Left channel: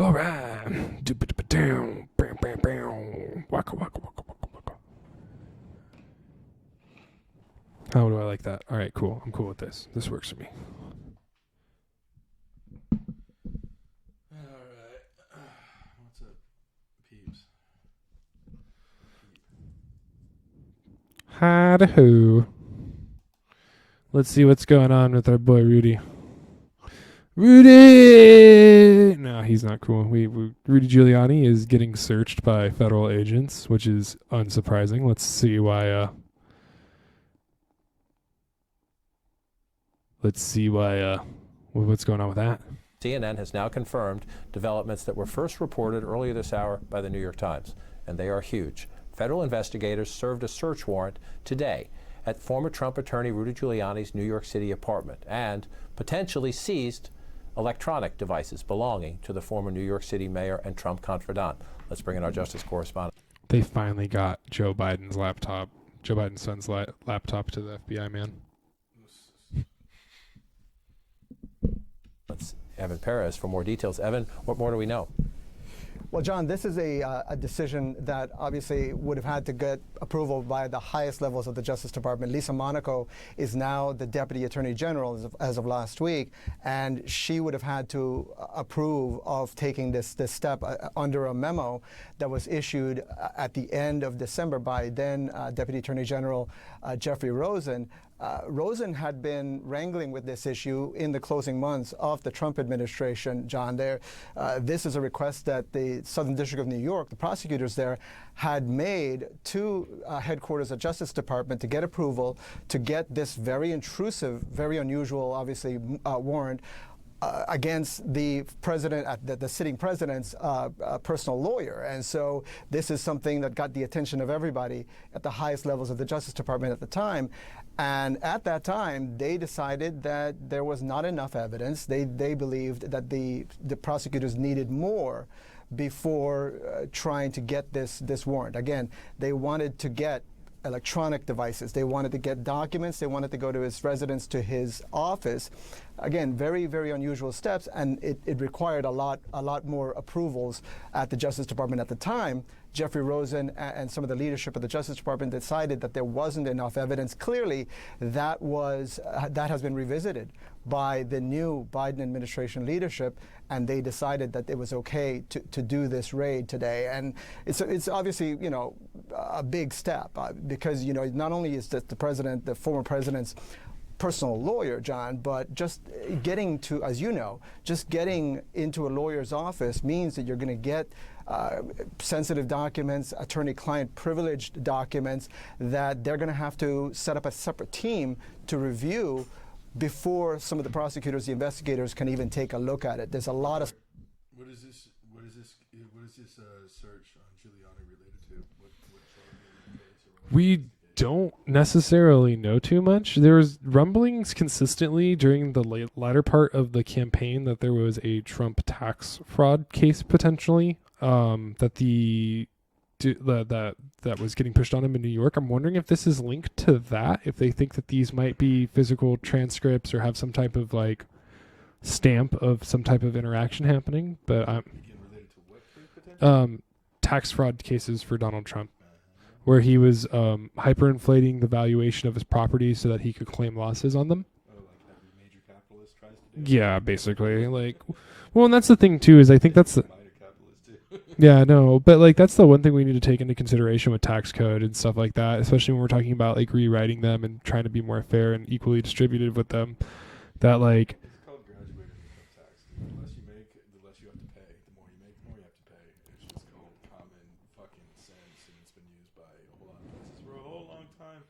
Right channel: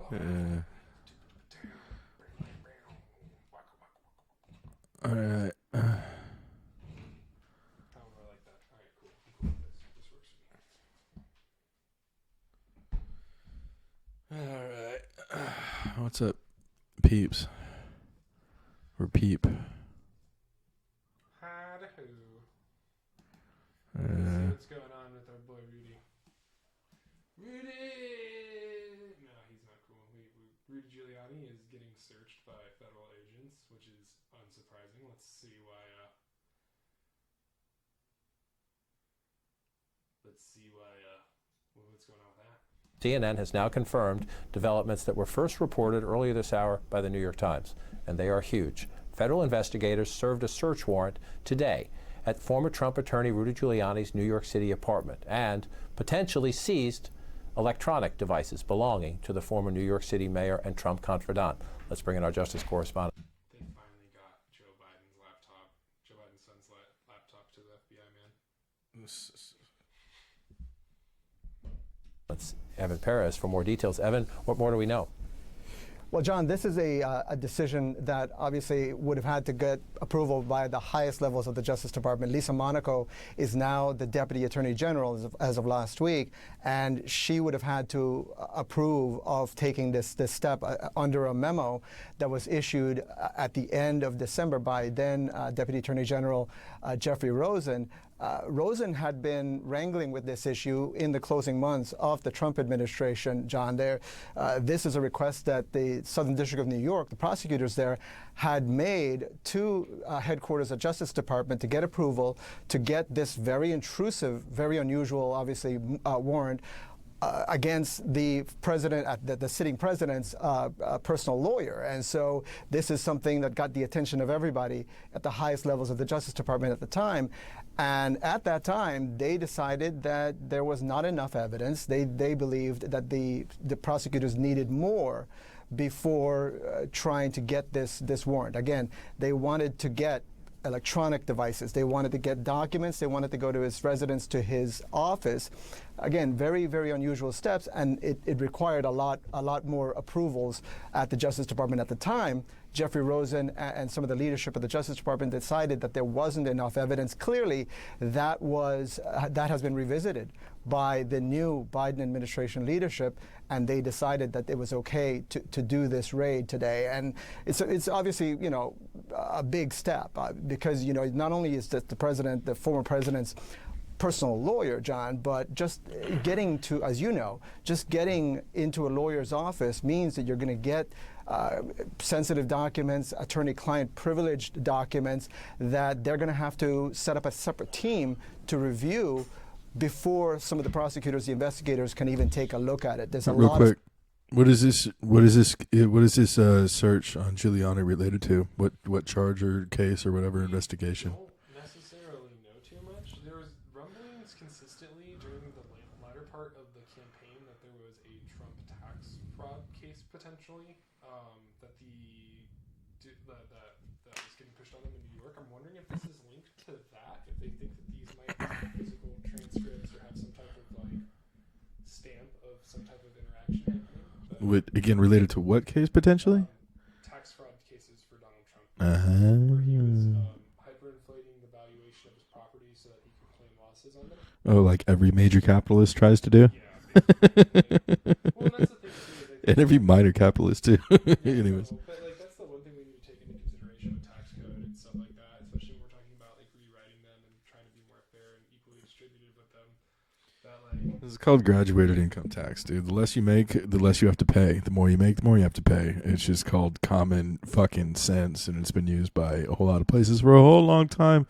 All right. Waka, waka, waka, waka, waka. All right. How do I like that? All right, cool. I'm cool with this. This works for me. All right. What's up, peeps? Or peep? Hi-da-ho. Let's see what's going on with our boy Rudy. Rudy! No, he's not cool. Rudy Giuliani is getting searched by federal agents, which is unsurprising. Let's see why. What's going on with that? CNN has now confirmed developments that were first reported earlier this hour by the New York Times, and they are huge. Federal investigators served a search warrant today at former Trump attorney Rudy Giuliani's New York City apartment and potentially seized electronic devices belonging to the former New York City mayor and Trump confidant. Let's bring in our justice correspondent. They finally got Joe Biden's son's laptop to the FBI, man. Let's Evan Perez for more details. Evan, what more do we know? Well, John, this is a decision that obviously would have had to get approval by the highest levels of the Justice Department. Lisa Monaco is now the Deputy Attorney General as of last week, and she would have had to approve of taking this step under a memo that was issued at the end of December by then Deputy Attorney General Jeffrey Rosen. Rosen had been wrangling with this issue in the closing months of the Trump administration, John. This is a request that the Southern District of New York, the prosecutors there, had made to headquarters of Justice Department to get approval to get this very intrusive, very unusual, obviously, warrant against the president, the sitting president's personal lawyer. And so this is something that got the attention of everybody at the highest levels of the Justice Department at the time. And at that time, they decided that there was not enough evidence. They believed that the prosecutors needed more before trying to get this warrant. Again, they wanted to get electronic devices. They wanted to get documents. They wanted to go to his residence, to his office. Again, very, very unusual steps, and it required a lot more approvals at the Justice Department at the time. Jeffrey Rosen and some of the leadership of the Justice Department decided that there wasn't enough evidence. Clearly, that has been revisited by the new Biden administration leadership, and they decided that it was okay to do this raid today. And it's obviously, a big step because, not only is the former president's personal lawyer, John, but just getting into a lawyer's office means that you're going to get sensitive documents, attorney-client privileged documents that they're going to have to set up a separate team to review before some of the prosecutors, the investigators, can even take a look at it. There's a lot of. What is this search on Giuliani related to? What charge or case or whatever investigation? We don't necessarily know too much. There was rumblings consistently during the latter part of the campaign that there was a Trump tax fraud case potentially that was getting pushed on him in New York. I'm wondering if this is linked to that, if they think that these might be physical transcripts or have some type of stamp of some type of interaction happening. But again, related to what case potentially? Tax fraud cases for Donald Trump, where he was hyperinflating the valuation of his property so that he could claim losses on them. Oh, like every major capitalist tries to do? Yeah, basically. Well, and that's the thing too, is I think that's every minor capitalist too. Yeah, no, but that's the one thing we need to take into consideration with tax code and stuff like that, especially when we're talking about rewriting them and trying to be more fair and equally distributed with them. That it's called graduated income tax, dude. The less you make, the less you have to pay. The more you make, the more you have to pay. It's just called common fucking sense, and it's been used by a whole lot of places for a whole long time.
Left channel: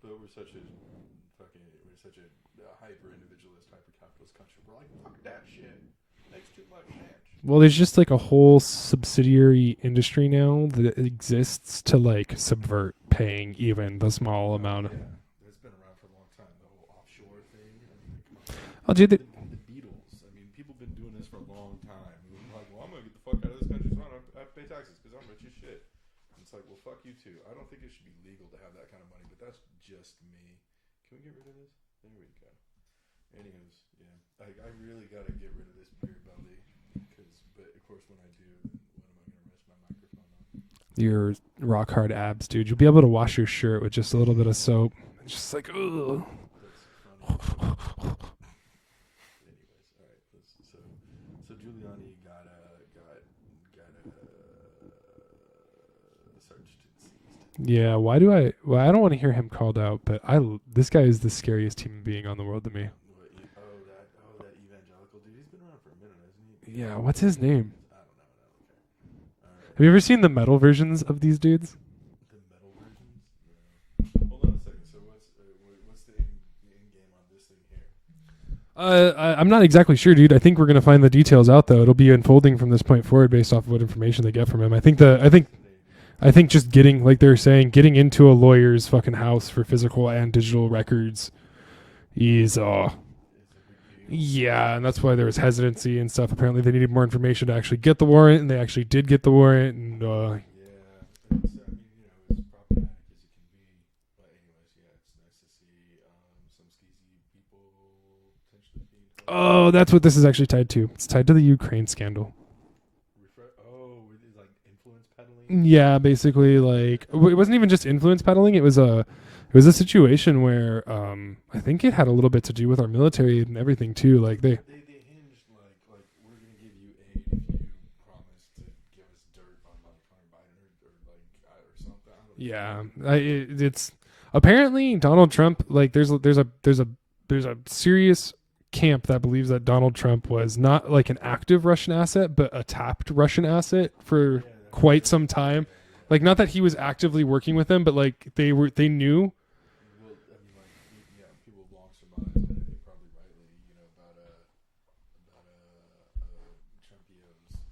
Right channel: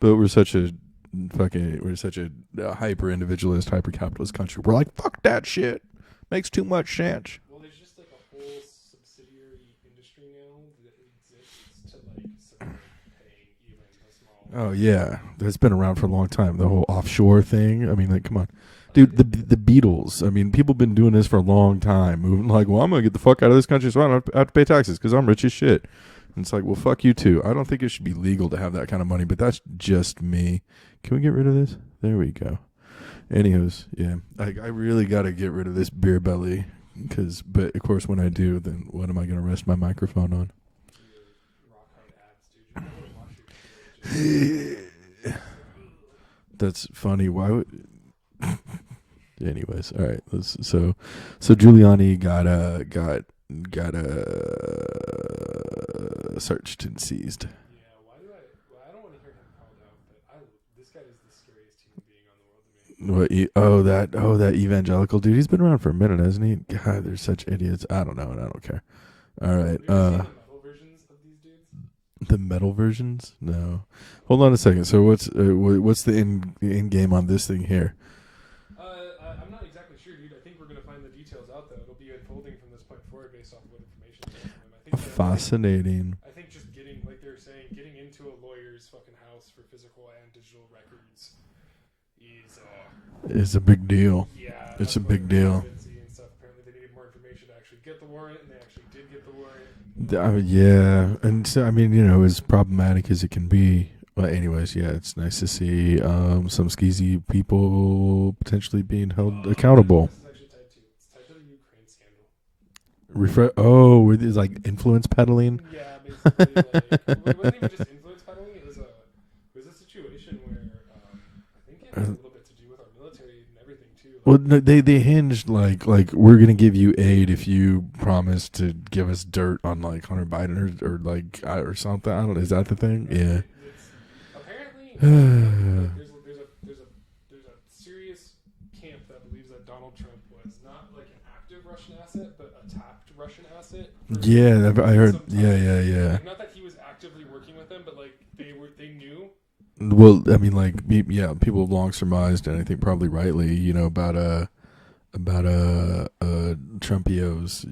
But we're such a hyper individualist, hyper capitalist country. We're like, fuck that shit. Makes too much sense. Well, there's just a whole subsidiary industry now that exists to subvert paying even the small amount. Yeah, that's been around for a long time. The whole offshore thing. I mean, come on. Dude, the Beatles. I mean, people have been doing this for a long time. Moving I'm going to get the fuck out of this country so I don't have to pay taxes because I'm rich as shit. And it's well, fuck you too. I don't think it should be legal to have that kind of money, but that's just me. Can we get rid of this? There we go. Anywho's, yeah. I really got to get rid of this beer belly But of course, when I do, then what am I going to rest my microphone on? Your rock hard abs, dude. You'll be able to wash your shirt with just a little bit of soap. It's just like, ugh. That's funny. Why would? Anyways, all right. So Giuliani got searched and seized. Yeah. Why do I? Well, I don't want to hear him called out, but this guy is the scariest human being on the world to me. What? That evangelical dude. He's been around for a minute, hasn't he? God, Yeah, what's they're his such name? Idiots. I don't know, and I don't care. All right. Have you ever seen the metal versions of these dudes? The metal versions? No. Hold on a second. So what's the end game on this thing here? I'm not exactly sure, dude. I think we're gonna find the details out though. It'll be unfolding from this point forward based off of what information they get from him. Fascinating. I think just getting, like they're saying, getting into a lawyer's fucking house for physical and digital records is It's a big deal. yeah, and It's that's a why big there was deal. hesitancy and stuff. Apparently they needed more information to actually get the warrant, and they actually did get the warrant. And Yeah, and so I mean, as problematic as it can be. Well, anyways, yeah, it's nice to see some skeezy people potentially being held accountable. That's what this is actually tied to. It's tied to the Ukraine scandal. With this like influence peddling. Yeah, basically, like it wasn't even just influence peddling. It was a situation where I think it had a little bit to do with our military and everything too. Like they hinged like we're gonna give you aid if you promise to give us dirt on like Hunter Biden or something. I don't know. Is that the thing? It's apparently Donald Trump. Like there's a serious camp that believes that Donald Trump was not like an active Russian asset, but a tapped Russian asset for quite some time. Yeah. Like not that he was actively working with them, but like they knew. Well, I mean, like, people have long surmised, and I think probably rightly, about Trumpios,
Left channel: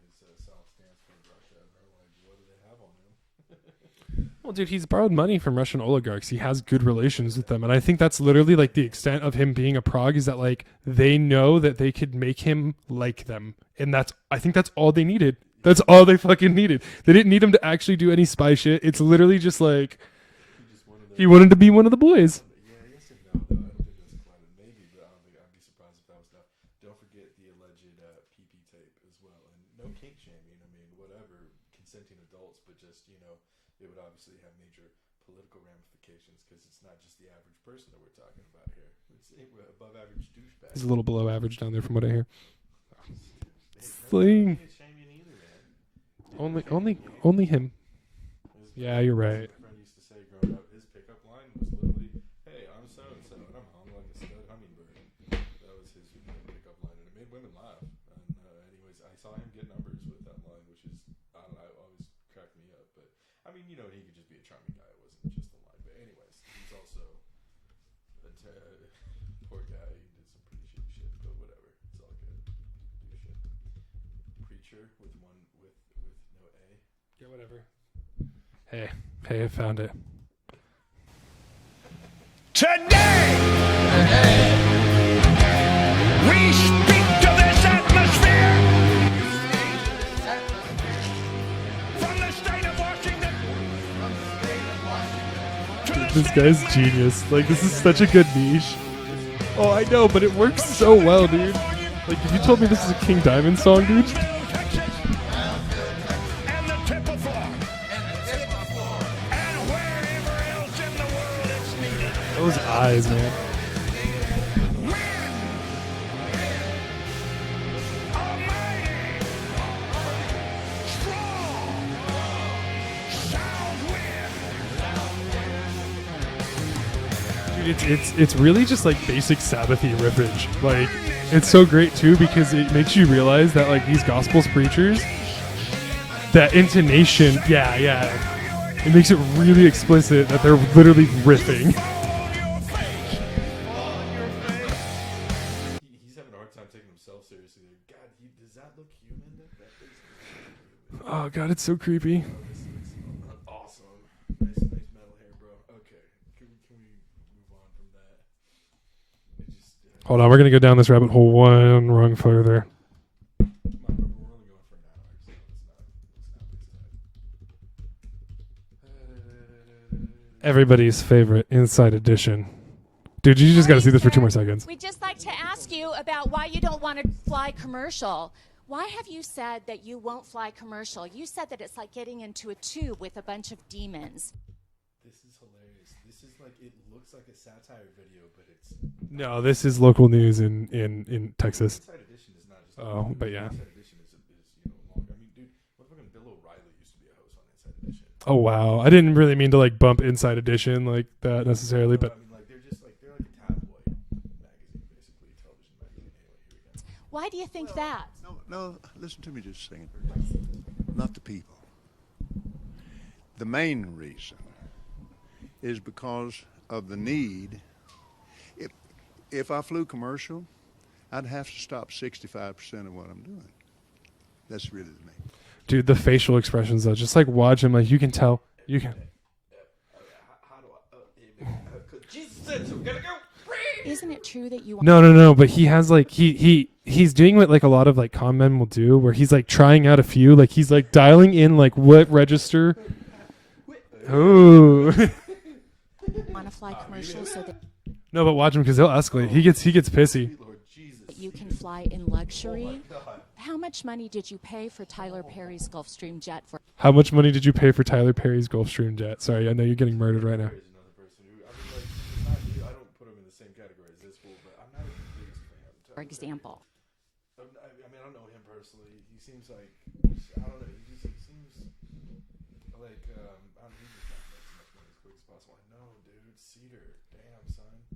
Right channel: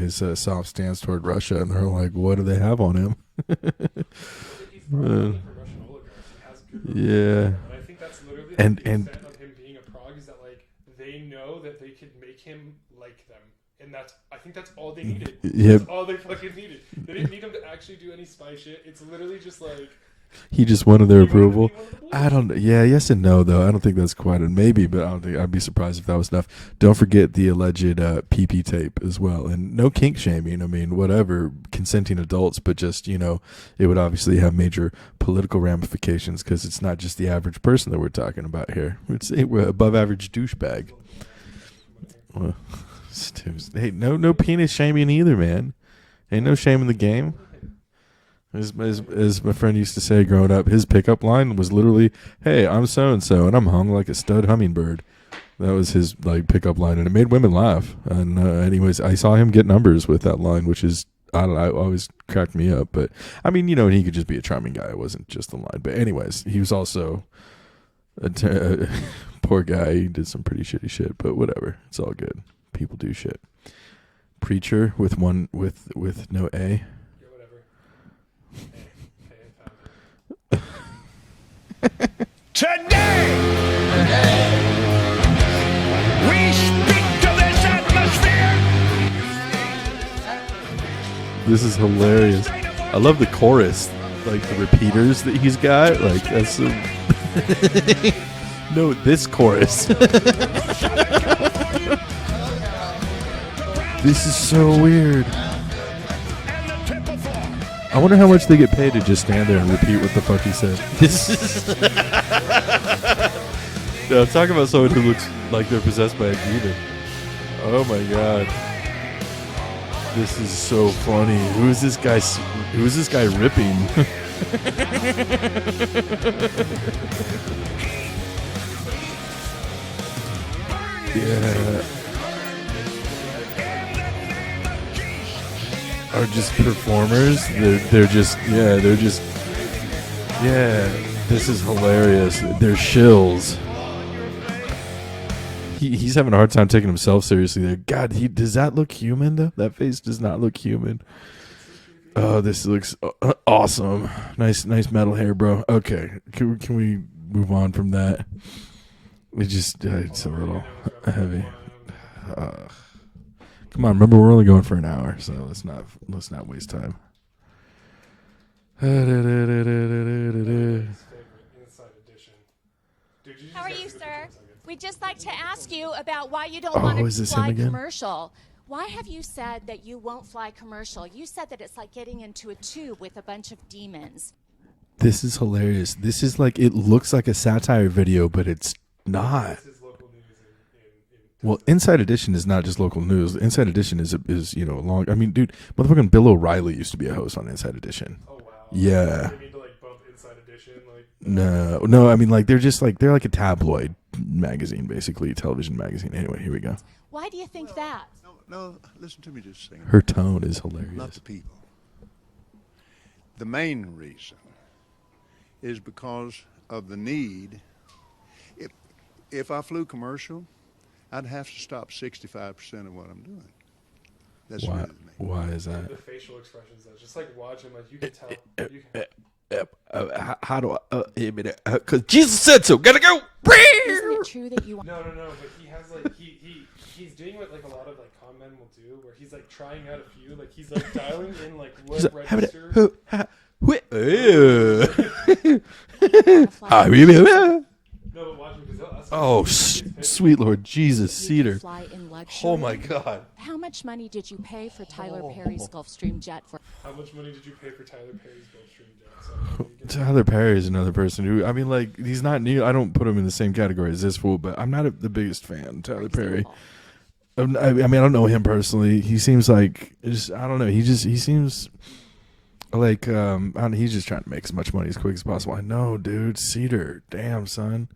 his soft stance toward Russia, and they're like, what do they have on him? Well, dude, he's borrowed money from Russian oligarchs. He has good relations with them, and I think that's literally like the extent of him being a prog is that like they know that they could make him like them, and I think that's all they needed. That's all they fucking needed. They didn't need him to actually do any spy shit. It's literally just like. He just wanted their. He wanted to be one of the boys. Yes and no though. I don't think that's quite a maybe, but I don't think I'd be surprised if that was enough. Don't forget the alleged PP tape as well, and no kink shaming. I mean, whatever, consenting adults, but just it would obviously have major political ramifications because it's not just the average person that we're talking about here. We're above average douchebag. It's a little below average down there, from what I hear. Well, hey, no penis shaming either, man. Ain't no shame in the game. Only him. As my friend used to say growing up, his pickup line was literally, "Hey, I'm so and so, and I'm hung like a stud hummingbird." That was his like pickup line, and it made women laugh. And anyways, I saw him get numbers with that line, which is always cracked me up. But I mean, he could just be a charming guy. It wasn't just the line. But anyways, he was also a poor guy. He did some pretty shitty shit, but whatever. It's all good. People do shit. Preacher with no A. Hey, I found it. Today, we speak to this atmosphere. This is hilarious. I love the chorus, like the repeaters that he's got. Like That is genius. Like, this is such a good niche. No, this chorus. Oh, I know, but it works so well, dude. Like, you told me this is a King Diamond song, dude? This is so weird. I wonder how much they get paid to just stand there and repeat what the fuck he said. Those eyes, man. Yeah, talking about someone who looks like they're possessed by a demon. Oh my god. This is so funny. Who is this guy ripping? It's really just like basic Sabbathy rippage. Like it's so great too because it makes you realize that like these gospels preachers, that intonation, They're just it makes it really explicit that they're literally This is ripping. hilarious. They're shills. He's having a hard time taking himself seriously there. God, does that look human though? That face does not look human. Oh god, it's so creepy. Oh, this looks awesome. Nice metal hair, bro. Okay, can we move on from that? We just Hold on, we're gonna go down this rabbit hole one rung further. Come on, remember we're only going for an hour, so let's not waste time. Everybody's favorite Inside Edition. Dude, you just got to Morning, see this for 2 sir. more seconds. We'd just like to ask you about why you don't Oh, want is to this fly him again? commercial. Why have you said that you won't fly commercial? You said that it's like getting into a tube with a bunch of demons. This is hilarious. This is like, it looks like a satire video, but it's No, not. this is local news in Well, Texas. Inside Edition is not just local Oh, news. yeah. Inside Edition is long. I mean, dude, motherfucking Bill O'Reilly used to be a host on Inside Edition. Oh wow! I didn't Yeah. really mean to like bump Inside Edition like that. necessarily. No. I mean, like they're like a tabloid magazine, basically, television magazine. Anyway, here we go. Why do you think that? No, listen to me just a second. Her tone is hilarious. Not the people. The main reason is because of the need. If I flew commercial, I'd have to stop 65% of what I'm doing. That's Why, really the main. why is that? Dude, the facial expressions though, just like watch him, like you can tell. You can. how do I? Because Jesus said so. Gotta go. Isn't it true that you No. But he has like he's doing what like a lot of like con men will do, where he's like trying out a few, like he's like dialing in like what register. want to fly? No, but watch him because he'll escalate. Oh, he gets pissy. Sweet Lord Jesus, You Cedar. can fly in luxury. Oh my God. How much money did you pay for Tyler Perry's Gulfstream jet for? How much money did you pay for Tyler Perry's Gulfstream jet? Sorry, I know you're getting Tyler married right Perry is another person who, I mean, like, he's not new. I don't put him in the same category as this fool, but I'm not the biggest fan of For Tyler Perry. example? I mean, I don't know him personally. He seems like, I don't know. He seems like, he's just trying to make as much money as quick as possible. I know, dude. Cedar. Damn, son.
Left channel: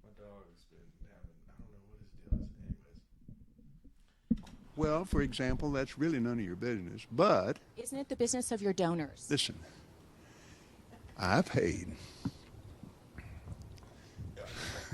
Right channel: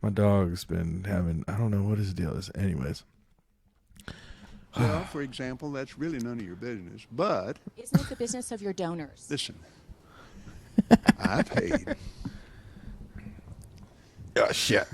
My dog's been having, I don't know what his deal is. Anyways. Well, for example, that's really none of your business. But, Isn't it the business of your donors? listen, I paid. Oh, shit.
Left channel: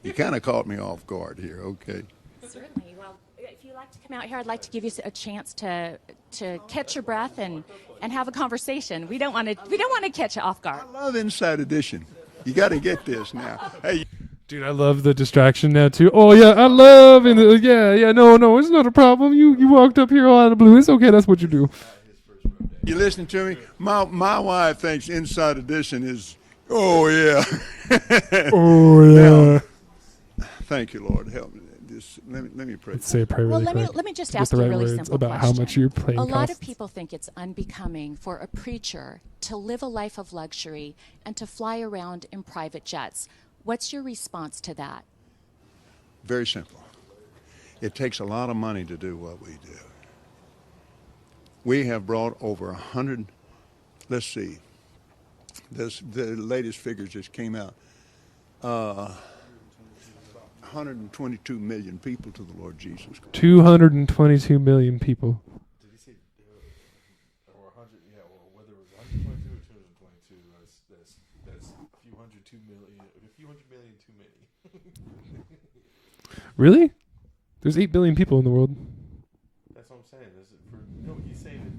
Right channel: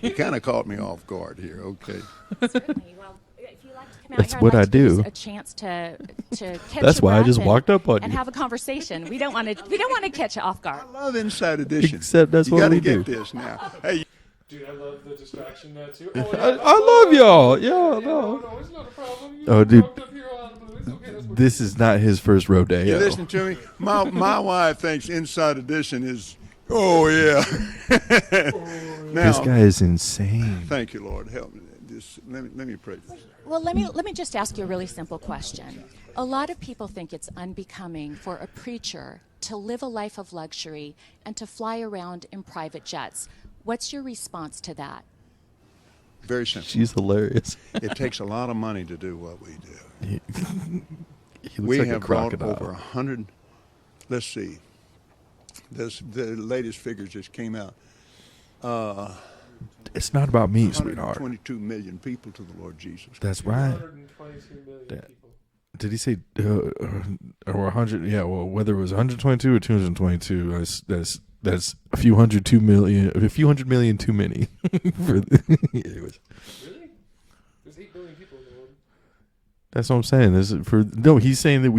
You kind of caught me off guard here, okay? Certainly. Well, if you like to come out That's here, I'd what like I to give you do. a chance to catch That's your why I breath just and, walked up on and you. have a conversation. We don't want to catch you off guard. I love Inside Edition. Except that's you what got to we get do. this now. Hey, Dude, I love the distraction now too. Oh yeah, I love love y'all. it. Yeah, no, it's not a problem. You Oh, dude. walked up here all out of the blue. It's okay. That's what This you do. is not his first rodeo. you listening to me? My wife thinks Inside Edition is, oh, yeah. This Now, guy is insane. thank you, Lord. Help me. Let me pray. Say a prayer. Well, really let me just quick with ask the you a right really words simple about question. how much your plane A lot of costs. people think it's unbecoming for a preacher to live a life of luxury and to fly around in private jets. What's your response to that? Very simple. She's hilarious. It takes a lot of money to do what we do. He looks We like a have brought crocodile. over 100. Let's see. The latest figures just came out. It's not about me, sweetheart. 122 million people to the Lord Jesus. That's 222 million people. Did he say or 100? Yeah, well, whether it was 122 or 222, that's a few hundred million too many. Anyways, Really? There's 8 billion people in the world. that's what I'm saying. He's saying that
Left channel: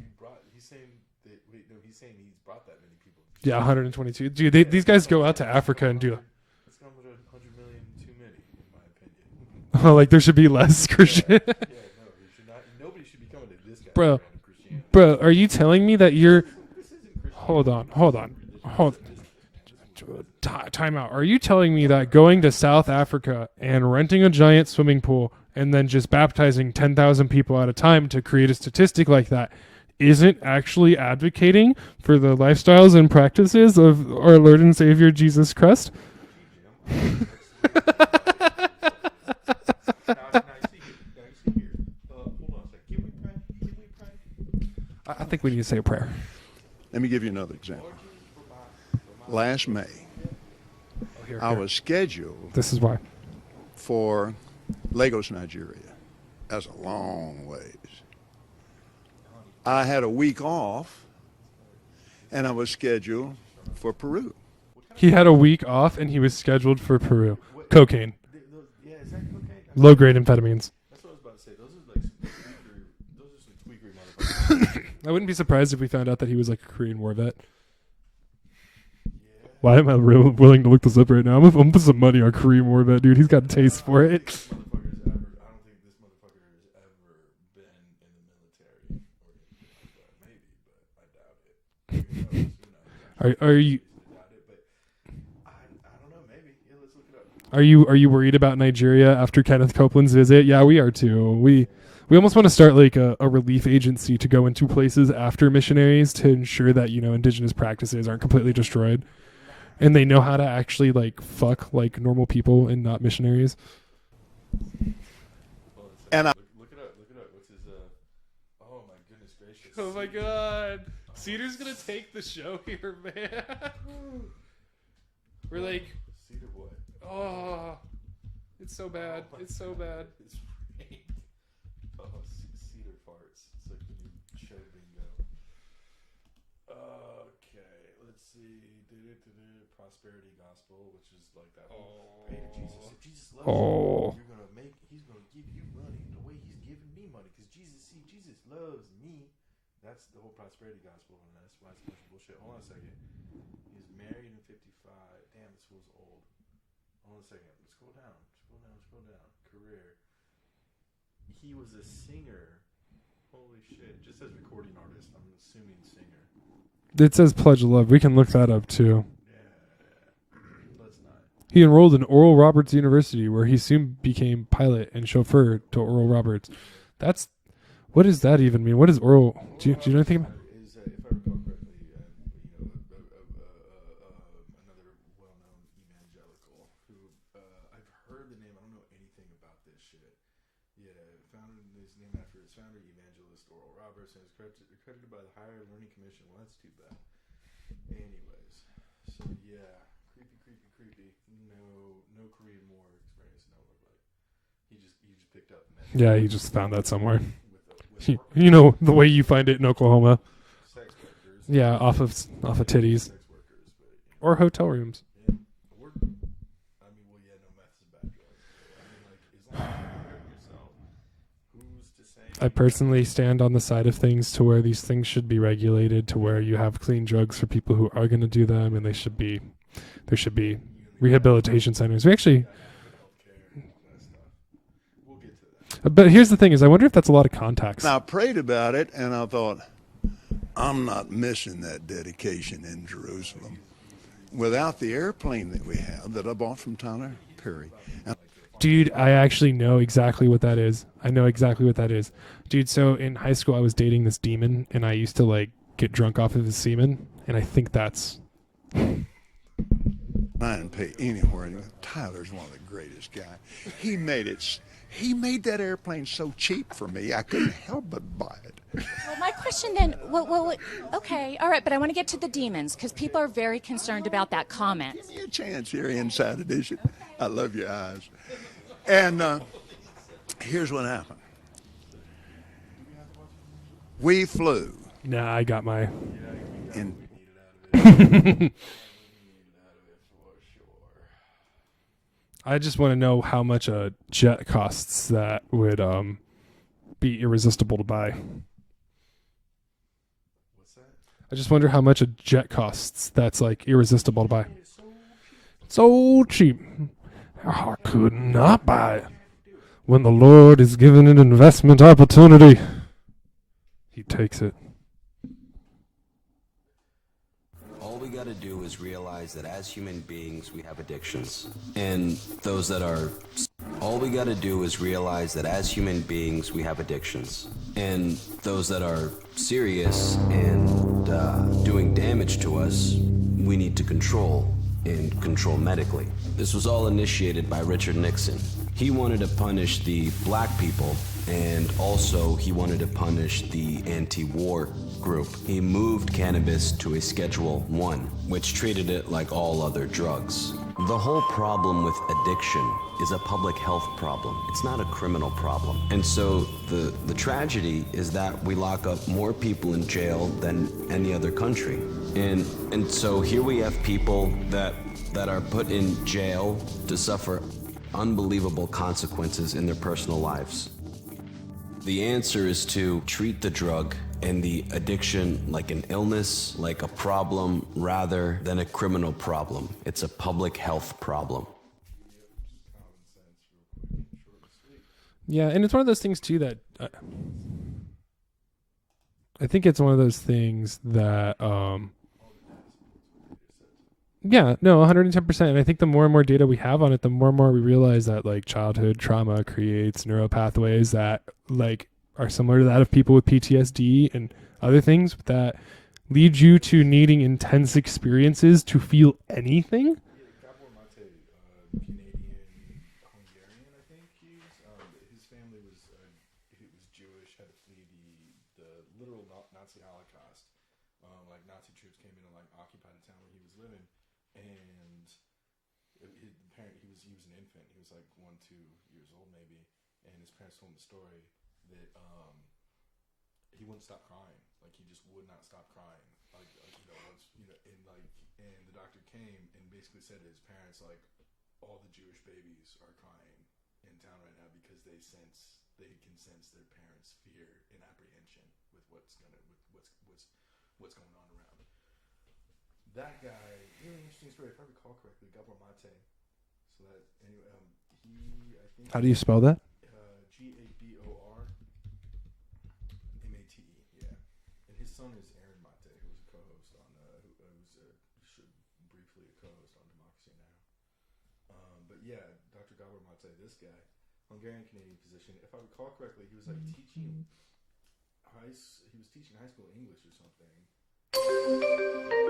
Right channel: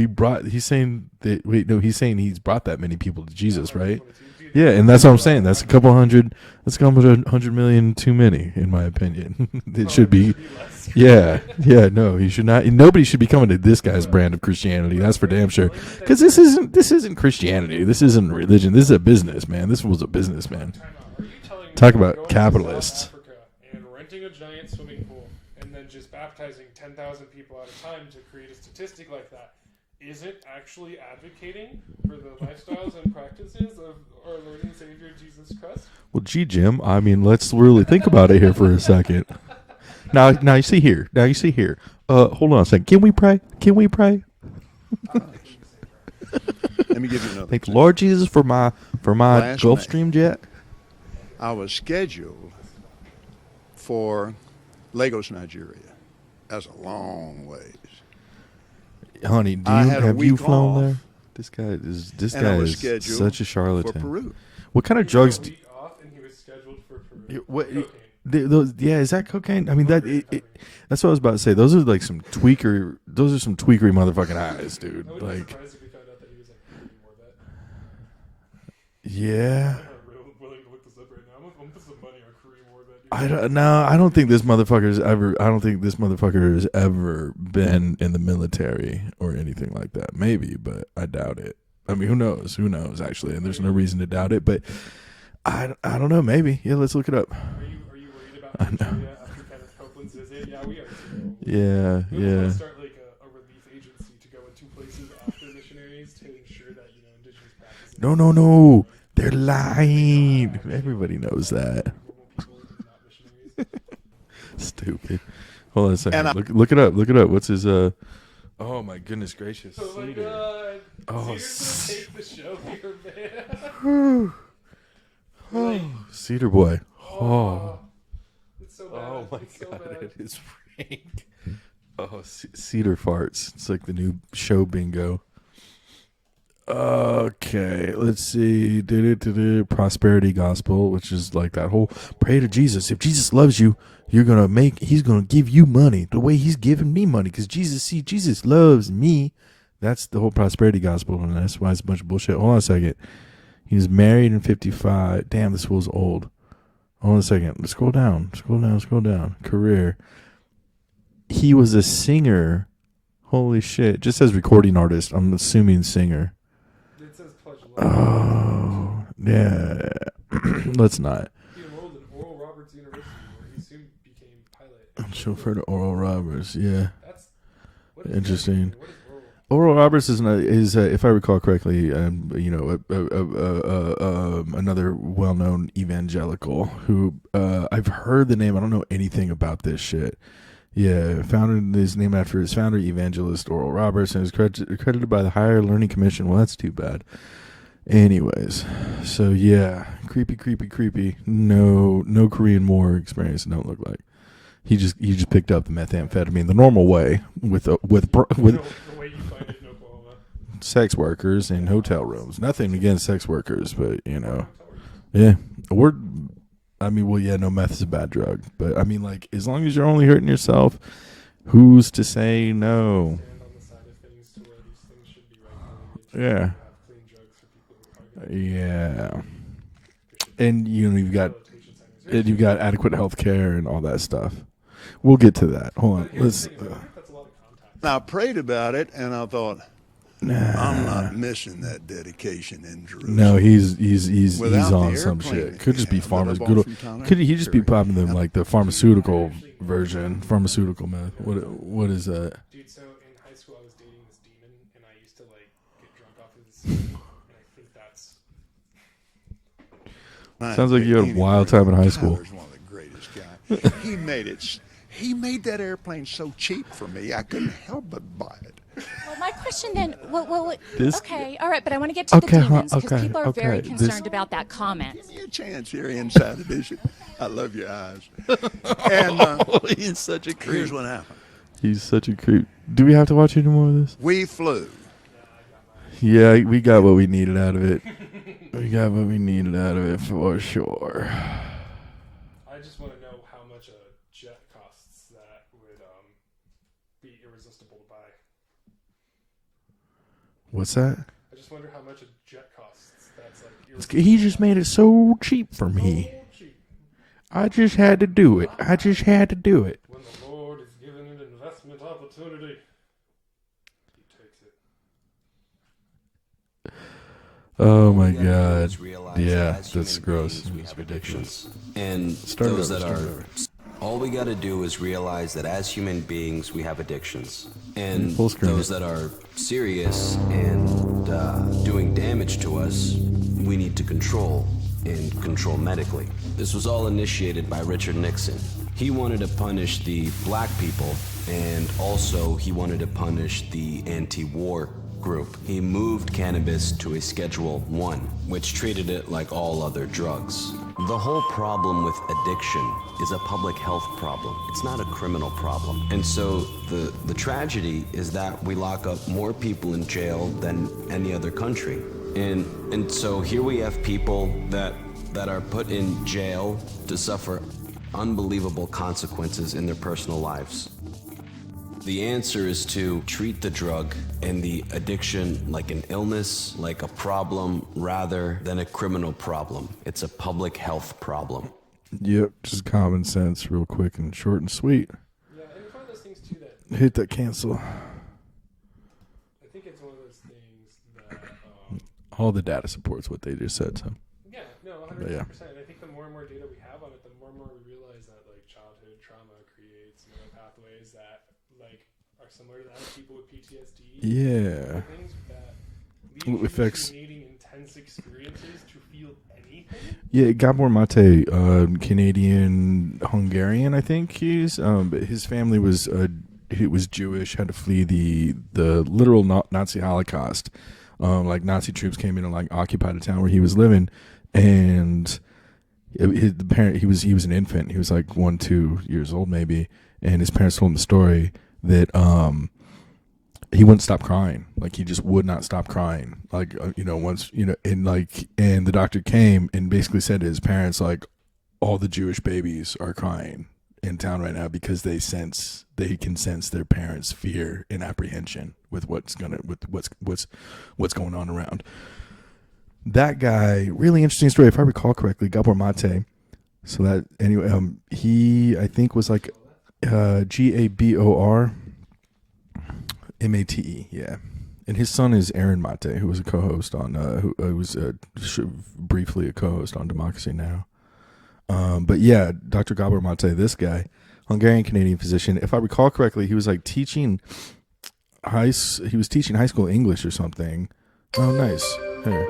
he's saying he's brought that many people to Jesus, yeah, right? 122. Dude, Yeah, these and guys that's what I'm go out saying. to That's Africa a couple and do it. hundred. That's a couple hundred million too many, in my opinion. There should be less. Yeah, yeah. No, he should not. Nobody should be coming to this guy's Bro. brand of Christianity. Bro, that's for are you damn sure. telling me that Because you're... this isn't Christianity. on, This hold isn't on. religion. This is Hold a business, man. This was a business, man. Time out. Are you telling me Talk that about going to capitalists. South Africa and renting a giant swimming pool and then just baptizing 10,000 people at a time to create a statistic like that isn't actually advocating for the lifestyles and practices of our Lord and Savior Jesus Christ? Well, gee, Jim. I mean, let's really think about it here for a second. Now you see here. Hold on a second. Can we pray? I think we need to say a prayer. Let me give you another. Thank example. Lord Jesus for my Last May. Gulfstream jet. I was scheduled This is why. for Lagos, Nigeria. That's a long ways. Honey, I had a have you week flown off, there? This and guy I was is scheduled such a charlatan. for Peru. What kind of He had a drugs? week off and he was scheduled for Peru. What- Cocaine. Yeah, is that cocaine? I mean, Low-grade amphetamines. That's what I was about to say. Those are like some tweaker. Those are some tweakery motherfucking eyes, dude. I wouldn't be Like, surprised if we found out that he was like a Korean war vet. Yeah. Why am I willing to look this up right now? I'm gonna put some money on Korean war vet, dude. He got taste I don't think for it. this motherfucker's ever. I don't think this motherfucker has ever been in the military or anything like that. Maybe, but I doubt it. I mean, who knows? Who knows? Actually, Are there's no you- reason to doubt it. But I don't know. Maybe. Yeah, let's look it up. Are you worried about Nigeria after Kenneth Copeland's visit? Yeah, we are too. We almost want to start like a relief agency to go into places after missionaries to ensure that indigenous practices are completely destroyed. They're lying, and they know how to actually Everybody like fuck that. like normal people and not missionaries. Stupid. Hold on a second. Look it up. Look it up. What's his Oh my goodness gracious! Oh my god! Cedar's gonna take the show here, man. Like, Cedar boy. It's so bad. It's so bad. It is rank. Cedar farts. It's like the new show bingo. Okay, let's see. Prosperity gospel, which is like that whole pray to Jesus. If Jesus loves you, he's gonna give you money the way he's giving me money. Because Jesus loves me. That's the whole prosperity gospel, and that's why it's a bunch of bullshit. Hold on a second. He was married in 55. Damn, this fool's old. Hold on a second. Scroll down. Career. He was a singer. Holy shit. It just says recording artist. I'm assuming singer. It says Pledge of Love. We can look that up too. Yeah. Let's not. He enrolled in Oral Roberts University, where he soon became pilot and chauffeur to Oral Roberts. Yeah. What does that even mean? What is Oral? Oral Roberts is if I recall correctly, another well-known evangelical who I've heard the name. I don't know anything about this shit. Yeah, founded his name after his founder, evangelist Oral Roberts, and is accredited by the Higher Learning Commission. Well, that's too bad. Anyways, so yeah, creepy. No Korean War experience. Don't look like. He just picked up the methamphetamine the normal way with the way you find it in Oklahoma. Sex workers and hotel rooms. Nothing against sex workers, but or hotel rooms. Yeah, no, meth is a bad drug, but I mean, like, as long as you're only hurting yourself, who's to say no? I personally stand on the side of things to where these things should be regulated, to where you have clean drugs for people who are going to do that. And there should be rehabilitation centers. You got adequate health care and all that stuff. We'll get to that. But here's the thing: is I wonder if that's a lot of contacts. I prayed about it, and I thought, I'm not missing that dedication in Jerusalem. No, he's without on the some airplane. Shit. Could just be farmers. Could he just be popping them like the pharmaceutical? Dude, I actually know exactly what that is. Man. I know exactly what that is. Dude, so in high school I was dating this demon, and I used to like get drunk off of his semen, and I think that's. Sounds like you had a wild time in high school. Tyler's one of the greatest guys. He made that airplane so cheap for me, I couldn't help but buy it. Well, my question then, okay, all right, but I want to get to the demons, because people are very concerned about that comment. Give me a chance here, Inside Edition. I love your eyes. And he's such a creep. Here's what happened. He's such a creep. Do we have to watch any more of this? We flew. Nah, I got my... Yeah, we got what we needed out of it. We got what we needed out of it for sure. I just want to know how much a jet costs that would be irresistible to buy. What's that? I just wonder how much a jet costs that's like irresistible to buy. He just made it so cheap for me. So cheap. I just had to do it. I just had to do it. When the Lord is given an investment opportunity, he takes it. Oh my God! Yeah, that's gross. We have addictions, and those that are. All we got to do is realize that as human beings, we have addictions, and those that are serious and doing damage to us, we need to control and control medically. This was all initiated by Richard Nixon. He wanted to punish the black people, and also he wanted to punish the anti-war group. He moved cannabis to a Schedule 1, which treated it like all other drugs. The whole problem with addiction is a public health problem. It's not a criminal problem. And so the tragedy is that we lock up more people in jail than any other country. And so here we have people that are put in jail to suffer unbelievable consequences in their personal lives. The answer is to treat the drug and the addiction like an illness, like a problem, rather than a criminal problem. It's a public health problem. Yep, just common sense, real quick and short and sweet. Yeah, and it's one of those things, too, that... Hit that cancel. I think it's one of those things that... all the data supports what they just said, so... Yeah, no, 110%. And I think the more and more data we have on it, the more and more we realize that like childhood trauma creates neural pathways that like are similar to that of people with PTSD and other things that lead you to needing intense experiences to feel anything. Yeah, Gabor Mate, Canadian Hungarian, I think he's. His family was Jewish, had to flee the literal Nazi Holocaust. Like Nazi troops came in and like occupied a town where he was living, and the parent he was an infant. He was like 1-2 years old maybe, and his parents told him the story that he wouldn't stop crying. Like he just would not stop crying. Like once and the doctor came and basically said to his parents like, all the Jewish babies are crying in town right now because they can sense their parents' fear and apprehension with what's going on around. That guy, really interesting story. If I recall correctly, Gabor Mate. So that anyway, he I think was like spell that Gabor Mate. Yeah, and his son is Aaron Mate, who was a co-host on who was briefly a co-host on Democracy Now. But yeah, Dr. Gabor Mate, this guy, Hungarian Canadian physician. If I recall correctly, he was like teaching high school English or something. Oh, nice. Hey.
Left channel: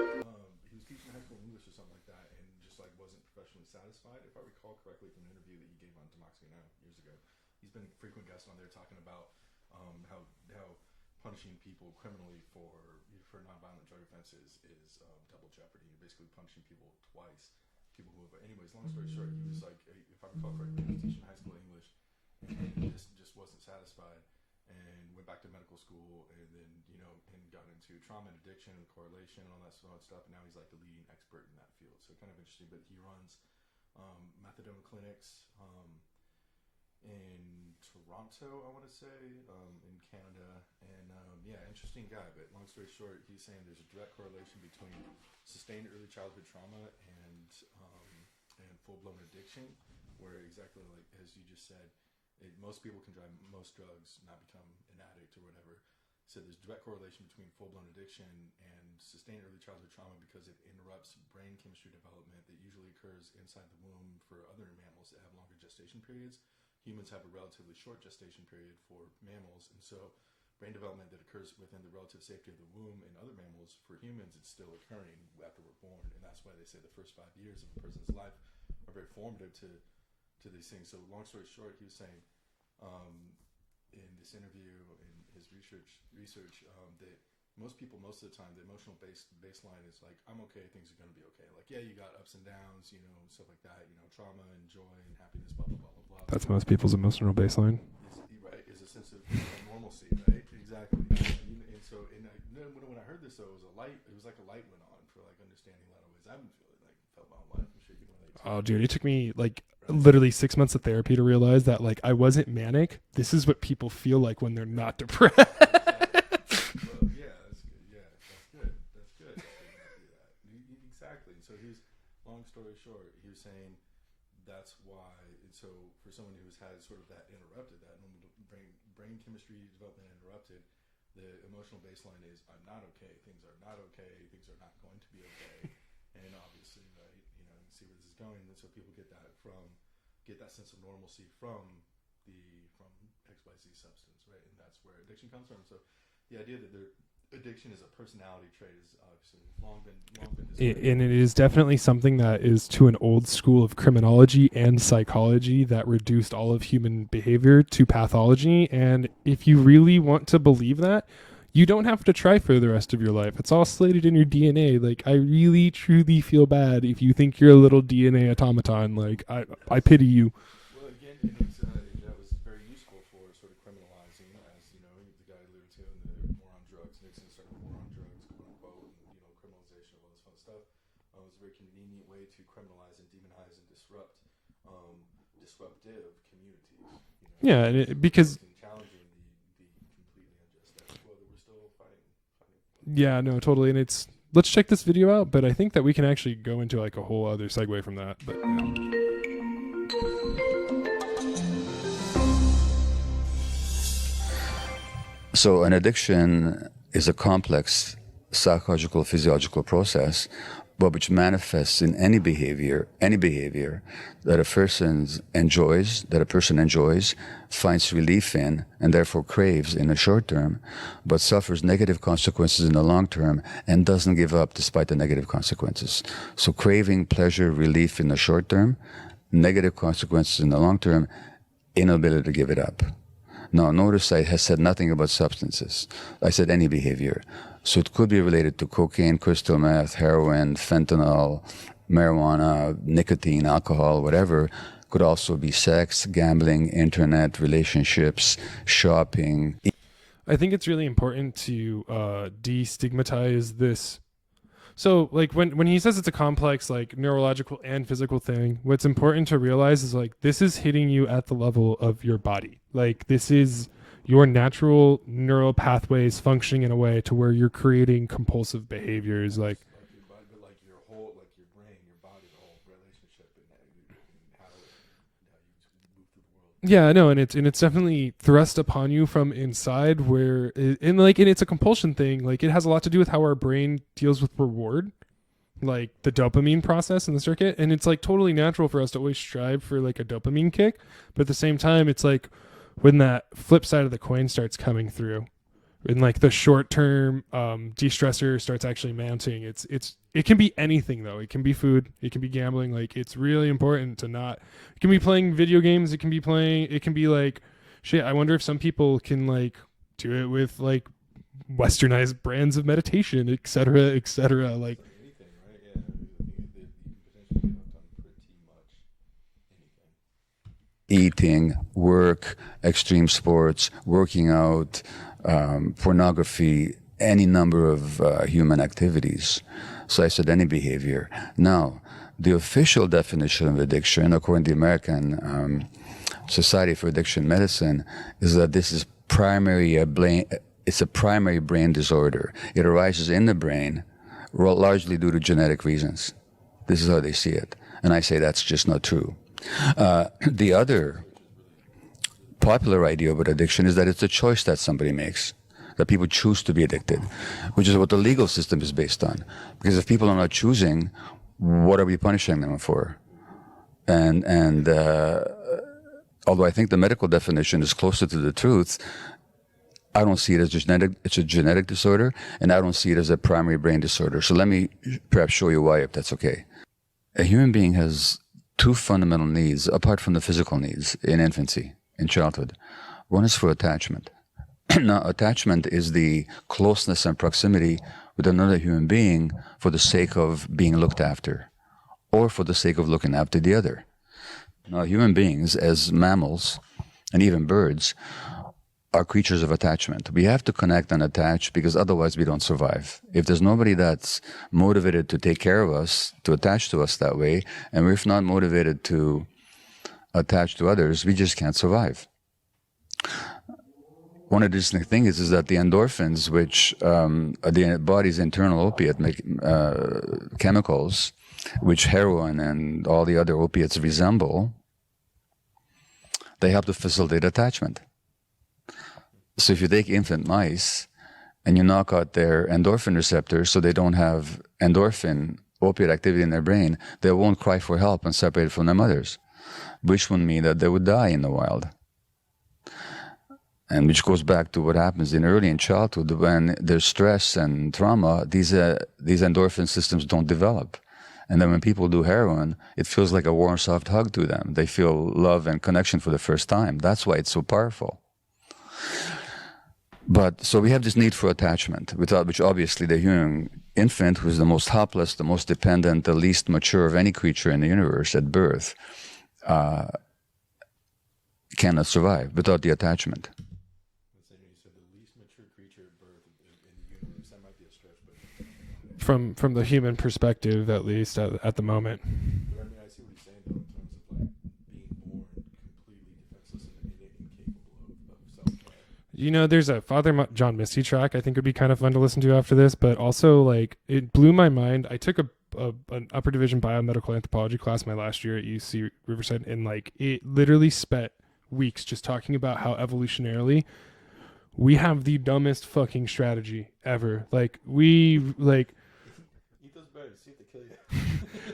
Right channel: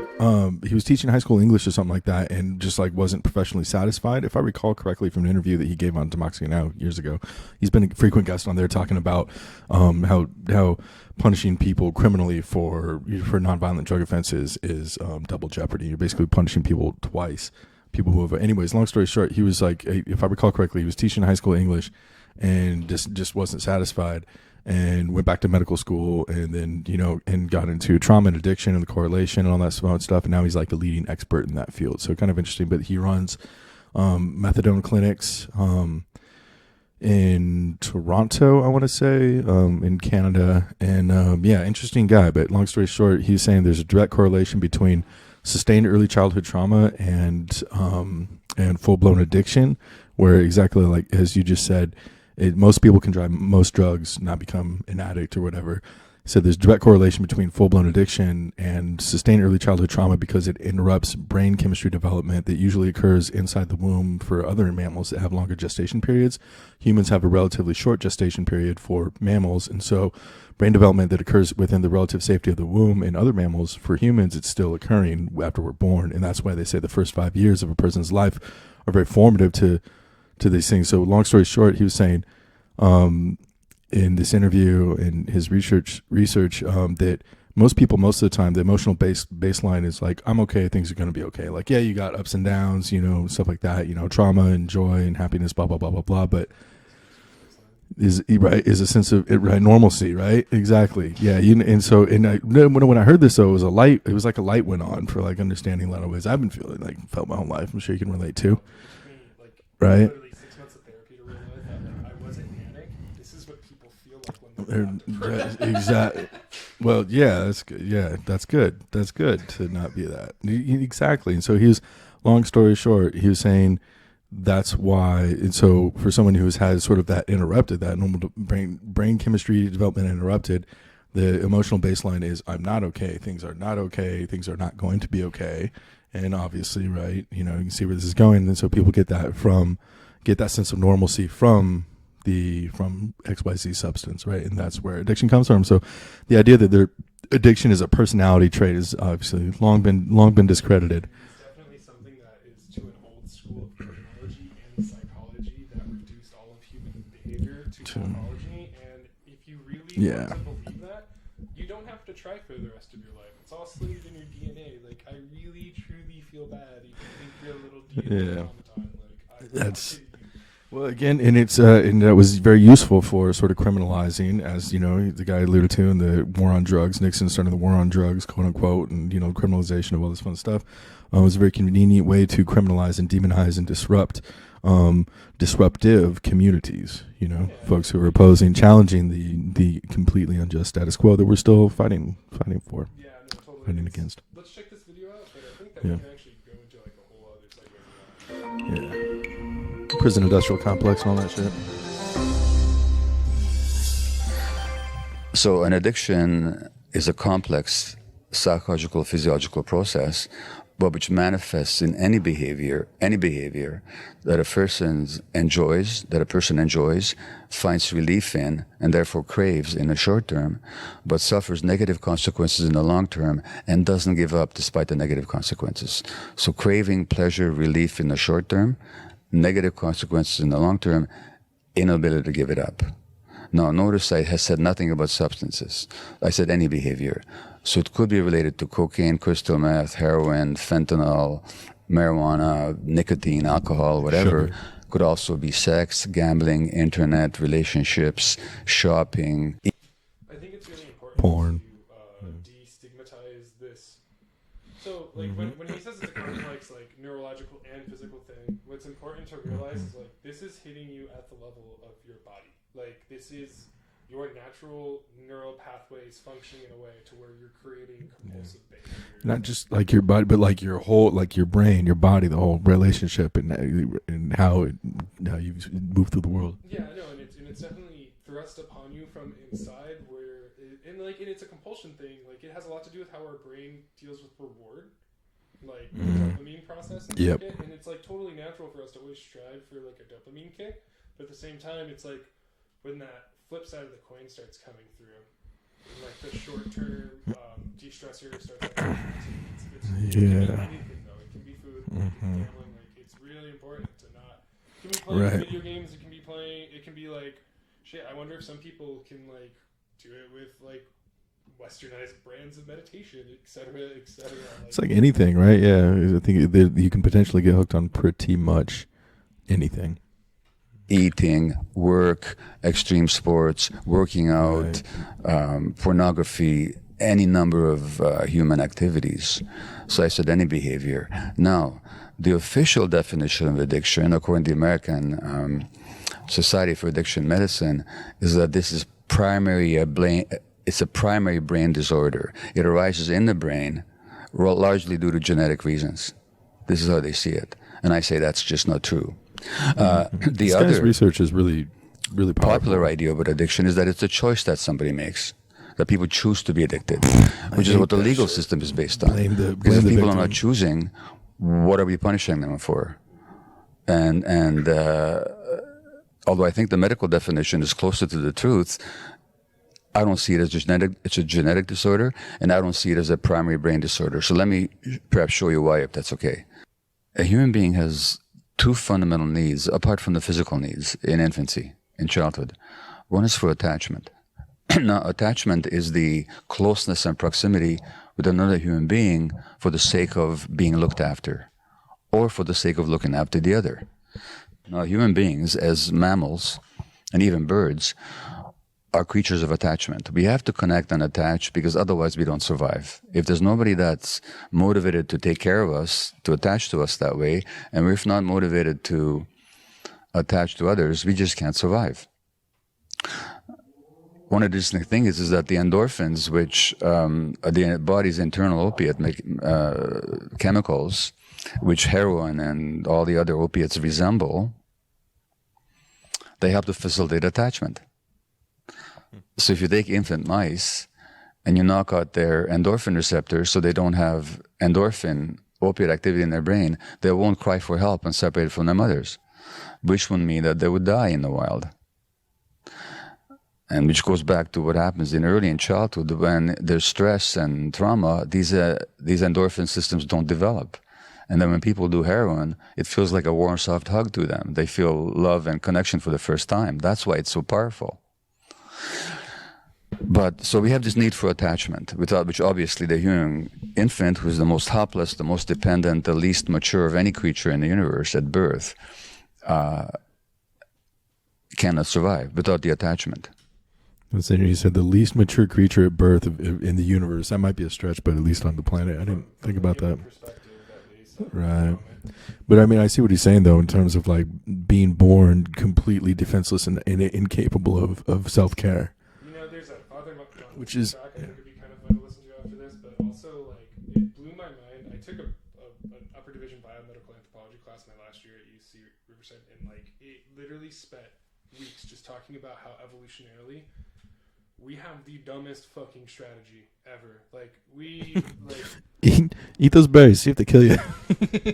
He was teaching high school English or something like that, and just like wasn't professionally satisfied. If I recall correctly from an interview that he gave on Democracy Now! Years ago, he's been a frequent guest on there talking about how punishing people criminally for nonviolent drug offenses is double jeopardy. You're basically punishing people twice. People who have, anyways, long story short, he was like, if I recall correctly, he was teaching high school English and just wasn't satisfied and went back to medical school and then, and got into trauma and addiction and the correlation and all that stuff. And now he's like a leading expert in that field. So kind of interesting, but he runs methadone clinics in Toronto, I want to say, in Canada. And interesting guy. But long story short, he's saying there's a direct correlation between sustained early childhood trauma and full-blown addiction, where exactly like as you just said, most people can try most drugs, not become an addict or whatever. So there's direct correlation between full-blown addiction and sustained early childhood trauma because it interrupts brain chemistry development that usually occurs inside the womb for other mammals that have longer gestation periods. Humans have a relatively short gestation period for mammals, and so brain development that occurs within the relative safety of the womb in other mammals, for humans, it's still occurring after we're born. And that's why they say the first 5 years of a person's life are very formative to these things. So long story short, he was saying in this interview and his research that most people, most of the time, the emotional baseline is like, I'm okay, things are going to be okay. Like, yeah, you got ups and downs, stuff like that, trauma and joy and happiness, blah, blah, blah, blah, blah. That's most people's emotional baseline. Is a sense of normalcy, right? Exactly. Yeah. When I heard this, though, it was like a light went on for like understanding a lot of ways I've been felt my whole life. I'm sure you can relate too. Oh, dude, it took me literally 6 months of therapy to realize that like I wasn't manic. This is what people feel like when they're not depressed. Exactly. Well, yeah, that's good. Yeah, that's good. That's good to not be that. Exactly. And so long story short, he was saying that's why. And so for someone who's had sort of that interrupted, that normal brain chemistry development interrupted, the emotional baseline is I'm not okay. Things are not okay. Things are not going to be okay. And obviously, right, you can see where this is going. And so people get that sense of normalcy from XYZ substance, right? And that's where addiction comes from. So the idea that their addiction is a personality trait is obviously long been discredited. And it is definitely something that is to an old school of criminology and psychology that reduced all of human behavior to pathology. And if you really want to believe that, you don't have to try for the rest of your life. It's all slated in your DNA. Like, I really, truly feel bad if you think you're a little DNA automaton. Like, I pity you. Well, again, and it's and that was very useful for sort of criminalizing, as the guy alluded to in the war on drugs. Nixon started the war on drugs, quote unquote, and criminalization of all this fun stuff. It was a very convenient way to criminalize and demonize and disrupt disruptive communities. Folks who are opposing, challenging the completely unjust status quo that we're still fighting for. Yeah, no, totally. And let's check this video out. But I think that we can actually go into like a whole other segue from that. Prison industrial complex and all that shit. So an addiction is a complex psychological, physiological process but which manifests in any behavior that a person enjoys, finds relief in, and therefore craves in the short term, but suffers negative consequences in the long term and doesn't give up despite the negative consequences. So craving pleasure, relief in the short term, negative consequences in the long term, inability to give it up. Now, notice I have said nothing about substances. I said any behavior. So it could be related to cocaine, crystal meth, heroin, fentanyl, marijuana, nicotine, alcohol, whatever. Sure. Could also be sex, gambling, internet, relationships, shopping. I think it's really important to destigmatize this. So, like, when he says it's a complex, like, neurological and physical thing, what's important to realize is, like, this is hitting you at the level of your body. Like, this is your natural neural pathways functioning in a way to where you're creating compulsive behaviors. Not just like your body, but like your whole, like your brain, your body, the whole relationship, and how you move through the world. Yeah, I know, and it's definitely thrust upon you from inside, where and it's a compulsion thing. Like, it has a lot to do with how our brain deals with reward, like the dopamine process in the circuit, and it's like totally natural for us to always strive for like a dopamine kick, but at the same time, it's like when that flip side of the coin starts coming through, and like the short term de-stressor starts actually mounting, it can be anything though. It can be food, it can be gambling. Like, it's really important to not. It can be playing video games. It can be like shit. I wonder if some people can like do it with like westernized brands of meditation, etc., etc. Like, it's like anything, right? Yeah, I think you can potentially get hooked on pretty much anything. Eating, work, extreme sports, working out, pornography, any number of human activities. So I said any behavior. Now, the official definition of addiction, according to the American Society for Addiction Medicine, is that this is it's a primary brain disorder. It arises in the brain, largely due to genetic reasons. This is how they see it. And I say that's just not true. The other research is really popular idea about addiction is that it's a choice that somebody makes, that people choose to be addicted, which is what the legal system is based on. Because if people are not choosing, what are we punishing them for? And although I think the medical definition is closer to the truth, I don't see it as genetic. It's a genetic disorder, and I don't see it as a primary brain disorder. So let me perhaps show you why, if that's okay. A human being has two fundamental needs, apart from the physical needs, in infancy, in childhood. One is for attachment. Now, attachment is the closeness and proximity with another human being for the sake of being looked after, or for the sake of looking after the other. Now, human beings, as mammals, and even birds, are creatures of attachment. We have to connect and attach because otherwise we don't survive. If there's nobody that's motivated to take care of us, to attach to us that way, and if not motivated to attach to others, we just can't survive. One of the interesting things is that the endorphins, which the body's internal opiate chemicals, which heroin and all the other opiates resemble, they help to facilitate attachment. So if you take infant mice and you knock out their endorphin receptors so they don't have endorphin opiate activity in their brain, they won't cry for help and separate from their mothers, which would mean that they would die in the wild. And which goes back to what happens early in childhood when there's stress and trauma, these endorphin systems don't develop. And then when people do heroin, it feels like a warm, soft hug to them. They feel love and connection for the first time. That's why it's so powerful. But so we have this need for attachment, without which obviously the human infant, who is the most helpless, the most dependent, the least mature of any creature in the universe at birth, cannot survive without the attachment. You said the least mature creature at birth in the universe. That might be a stretch, but at least on the planet. From the human perspective, at least at the moment. But I mean, I see what he's saying though, in terms of like being born completely defenseless and incapable of self-care. You know, there's a Father John Misty track I think would be kind of fun to listen to after this, but also like it blew my mind. I took an upper division biomedical anthropology class my last year at UC Riverside, and like it literally spent weeks just talking about how evolutionarily we have the dumbest fucking strategy ever. Like we like Eat those berries. See if they kill you.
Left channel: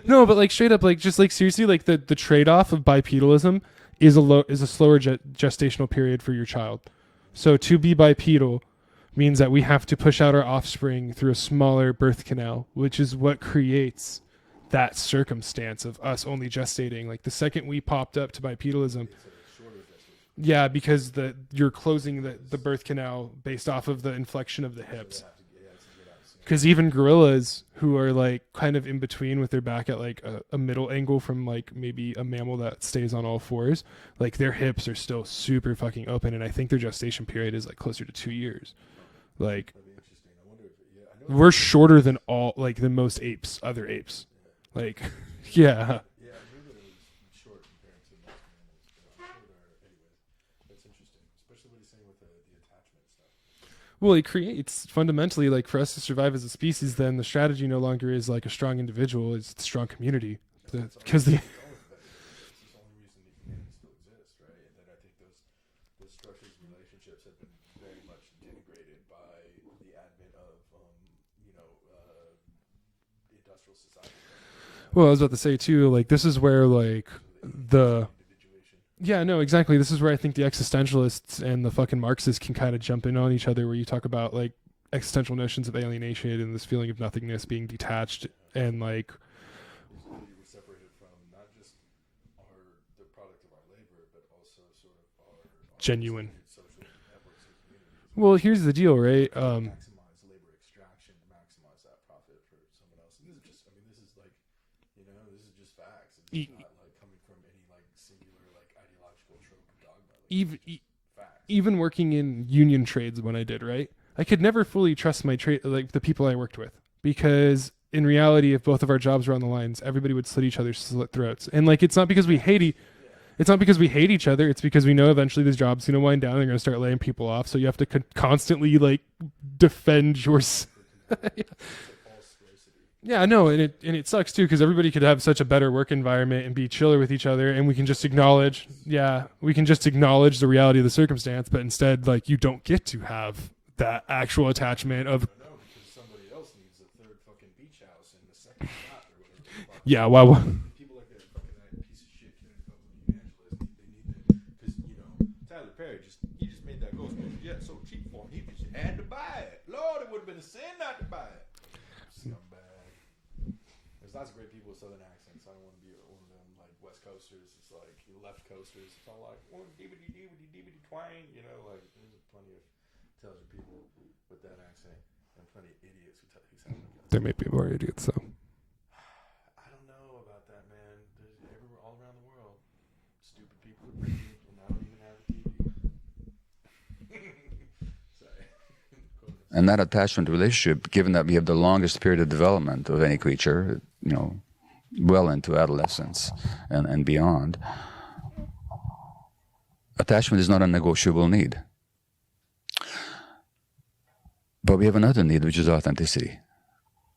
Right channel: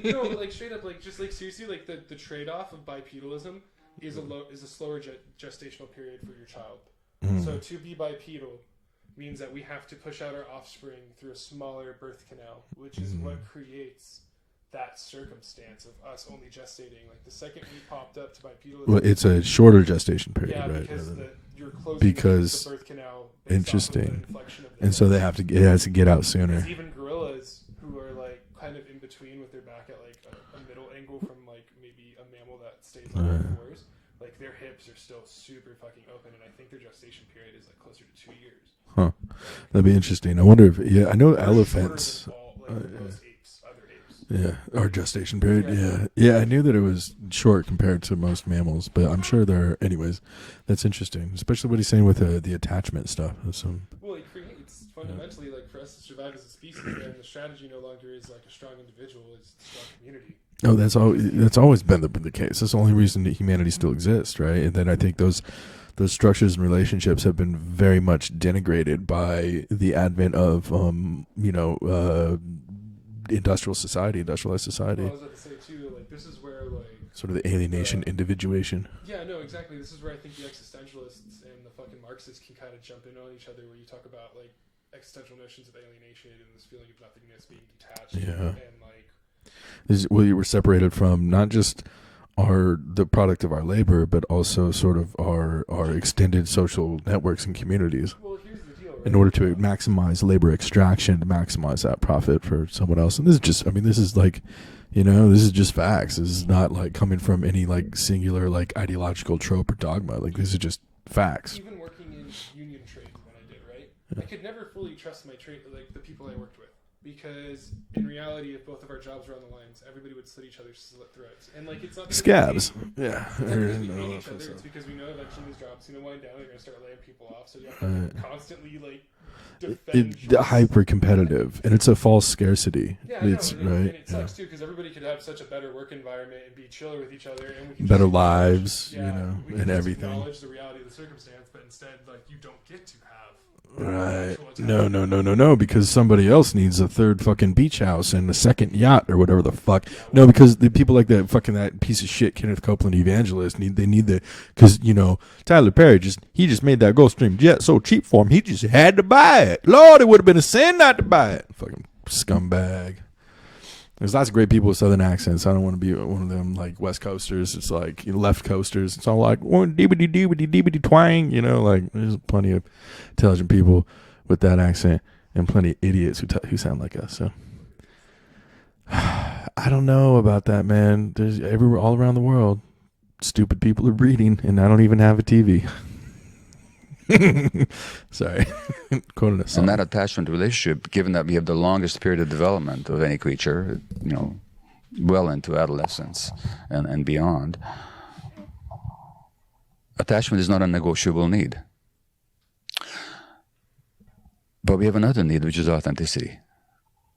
No, but like straight up, like just like seriously, like the trade-off of bipedalism is a slower gestational period for your child. So to be bipedal means that we have to push out our offspring through a smaller birth canal, which is what creates that circumstance of us only gestating. Like the second we popped up to bipedalism, well, it's a shorter gestation period. Yeah, right? because you're closing the birth canal based off of the inflection of the and so they have to it has to get out sooner. Because even gorillas who are like kind of in between with their back at like a middle angle from like maybe a mammal that stays on all fours, like their hips are still super fucking open, and I think their gestation period is like closer to 2 years. Huh. Like that'd be interesting. I wonder if I know we're shorter than all like the most other apes. Yeah, like, our gestation period. Yeah. I knew that it was short compared to most mammals, but I'm sure there are. Anyways, that's interesting, especially what he's saying with the attachment stuff. Well, it creates fundamentally like for us to survive as a species. Then the strategy no longer is like a strong individual; it's a strong community. Oh, that's always been the case. That's the only reason that humanity still exists, right? And then I think those structures and relationships have been very much denigrated by the advent of industrialized society. Well, I was about to say too, like this is where like sort of the alienation, individuation. Yeah, no, exactly. This is where I think the existentialists and the fucking Marxists can kind of jump in on each other, where you talk about like existential notions of alienation and this feeling of nothingness, being detached, and like we were separated from not just the product of our labor, but also sort of our extended social networks and communities. Well, here's the deal, right? In order to maximize labor extraction, to maximize that profit for someone else. And this is just, this is like, this is just facts. This is not like coming from any like singular like ideological trope or dogma. Like these are just facts. Even working in union trades when I did, right? I could never fully trust my like the people I worked with. Because in reality, if both of our jobs were on the lines, everybody would slit each other's slit throats. And like, it's not because we hate it's not because we hate each other. It's because we know eventually this job's going to wind down and they're going to start laying people off. So you have to constantly like defend your hyper competitive, and it's a false scarcity. Yeah, no, and it sucks too, because everybody could have such a better work environment and be chiller with each other, and we can just acknowledge, we can just acknowledge the reality of the circumstance. But instead, like, you don't get to have that actual attachment. No, because somebody else needs a third fucking beach house and a second yacht or whatever the fuck. Yeah, well, because the people like that piece of shit Kenneth Copeland evangelist because Tyler Perry just made that Gulfstream jet so cheap for him he just had to buy it. Lord, it would have been a sin not to buy it. Fucking scumbag. There's lots of great people with southern accents. I don't want to be one of them like West Coasters. It's like left coasters. It's all like deebity twang. Like there's plenty of intelligent people with that accent and plenty of idiots who sound like us. There may be more idiots, though. I don't know about that, man. There's everywhere, all around the world, stupid people are breeding, and I don't even have a TV. Sorry. Quoting us. And that attachment relationship, given that we have the longest period of development of any creature, well into adolescence and beyond, attachment is not a negotiable need. But we have another need, which is authenticity.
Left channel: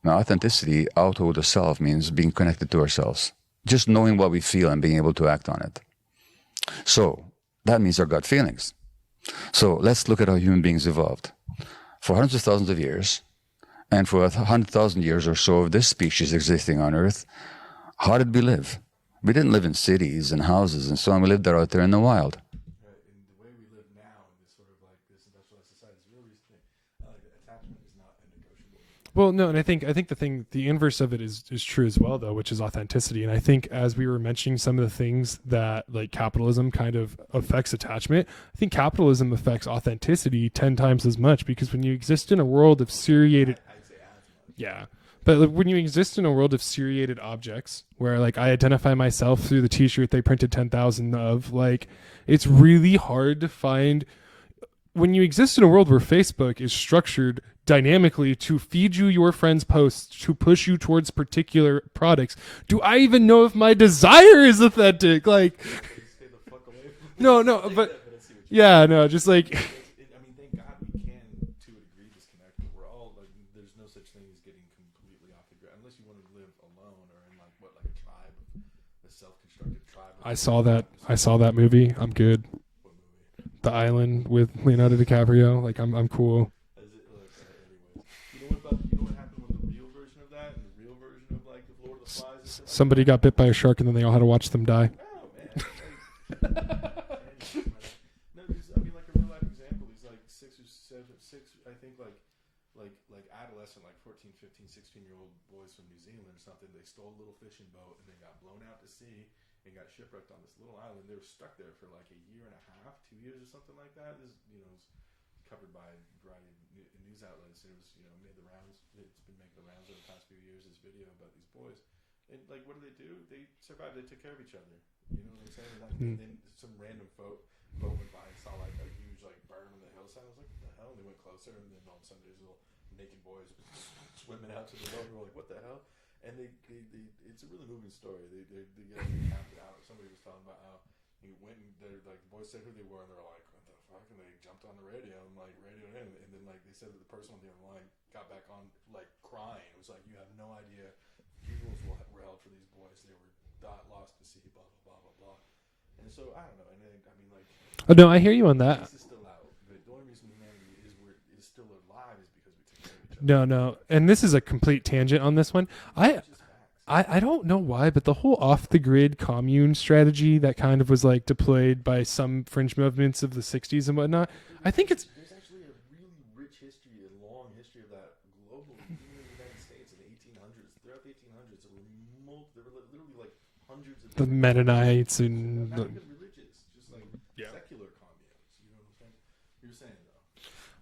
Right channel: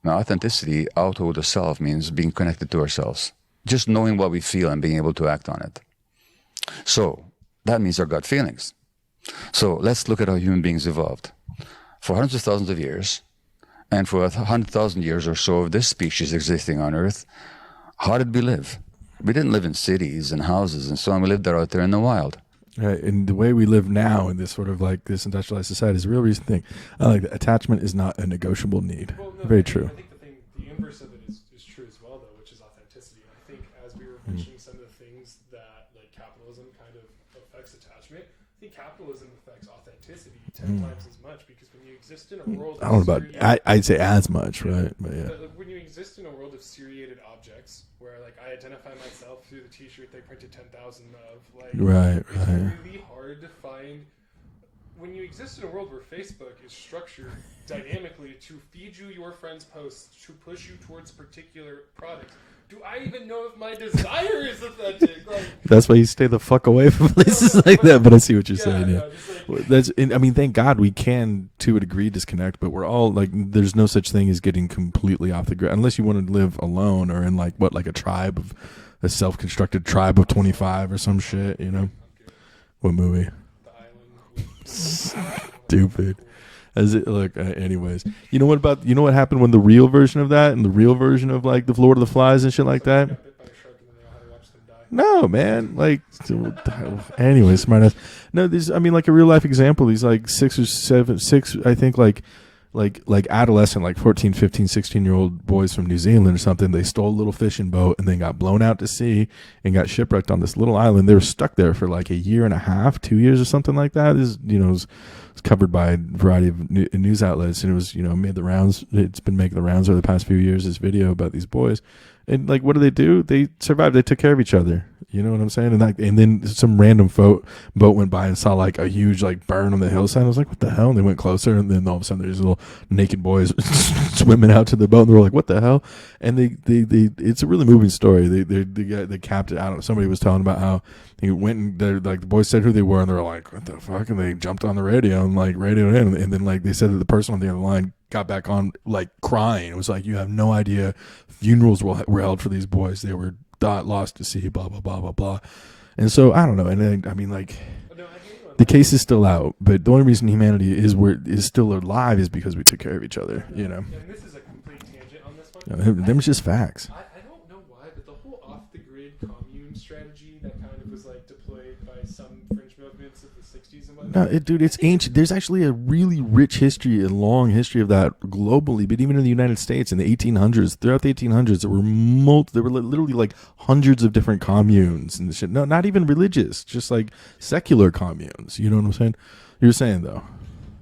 Now, authenticity out of the self means being connected to ourselves, just knowing what we feel and being able to act on it. So that means our gut feelings. So let's look at how human beings evolved. For hundreds of thousands of years, and for 100,000 years or so of this species existing on Earth, how did we live? We didn't live in cities and houses and so on. We lived out there in the wild. Right, and the way we live now in this sort of like this industrialized society is a real recent thing. Attachment is not a negotiable need. Well, no, I think the inverse of it is true as well, though, which is authenticity. And I think as we were mentioning some of the things that like capitalism kind of affects attachment, I think capitalism affects authenticity 10 times as much, because when you exist in a world of seriated, I'd say as much, right? But like, when you exist in a world of seriated objects, where like I identify myself through the T-shirt they printed 10,000 of, like it's really hard to find. When you exist in a world where Facebook is structured dynamically to feed you your friends' posts, to push you towards particular products, do I even know if my desire is authentic? Like, that's why you stay the fuck away from places that. But I see what you're saying. Yeah, no, just like thank God we can to a degree disconnect, but we're all like, there's no such thing as getting completely off the grid unless you want to live alone or in like a tribe of a self-constructed tribe of 25 or something. I saw that movie. I'm good. What movie? the island with Leonardo DiCaprio. Like, I'm cool. As it look, anyways, you know what happened when the real version of that and the real version of like the Lord of the Flies and shit like Somebody that? got bit by a shark and then they all had to watch them die. No, man. Like, anyways, smartass. No, these. I mean, like a real life example. These like 6 or 7, I think like adolescent, like 14, 15, 16-year-old boys from New Zealand or something. They stole a little fishing boat and then got blown out to sea and got shipwrecked on this little island. They were stuck there for like a year and a half, 2 years or something like that. This, it's covered by a variety of news outlets, and it was, made the rounds. It's been making the rounds over the past few years, this video about these boys. And like, what do? They survived. They took care of each other. You know what I'm saying? And then some random boat went by and saw like a huge like burn on the hillside. I was like, what the hell? And they went closer, and then all of a sudden there's little naked boys swimming out to the boat. And they were like, what the hell? And they it's a really moving story. They capped it out. Somebody was telling about how he went and like the boys said who they were, and they were like, what the fuck? And they jumped on the radio and like radioed in, and then like they said that the person on the other line got back on like crying. It was like, you have no idea. Funerals were held for these boys. They were lost to sea, blah, blah, blah, blah, blah. And so, I don't know. And then, I mean, like... Oh, no, I hear you on that. The case is still out, but the only reason humanity is still alive is because we took care of each other. No. And this is a complete tangent on this one. It's just facts. I don't know why, but the whole off-the-grid commune strategy that kind of was like deployed by some fringe movements of the 60s and whatnot. It's ancient. There's actually a really rich history and long history of that globally, but even in the United States in the 1800s, throughout the 1800s, there were literally like hundreds of different communes and shit. No, not even religious, just like secular communes. You know what I'm saying? You're saying though.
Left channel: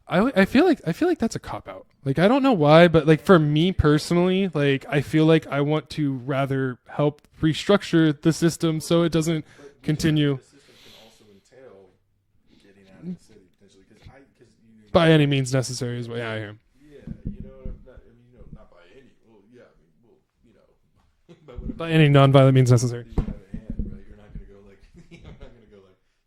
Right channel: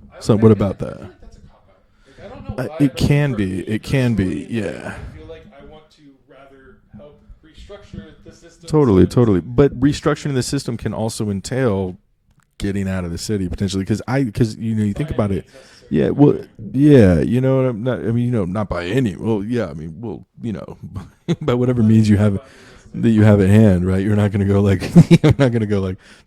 I feel like that's a cop out. Like, I don't know why, but like for me personally, like I feel like I want to rather help restructure the system. Totally. But restructuring the system can also entail getting out of the city potentially, because you by think any means necessary. Not by any. Well, yeah, I mean, well, by whatever by means any non-violent means necessary that you have at hand, right? You're not going to go like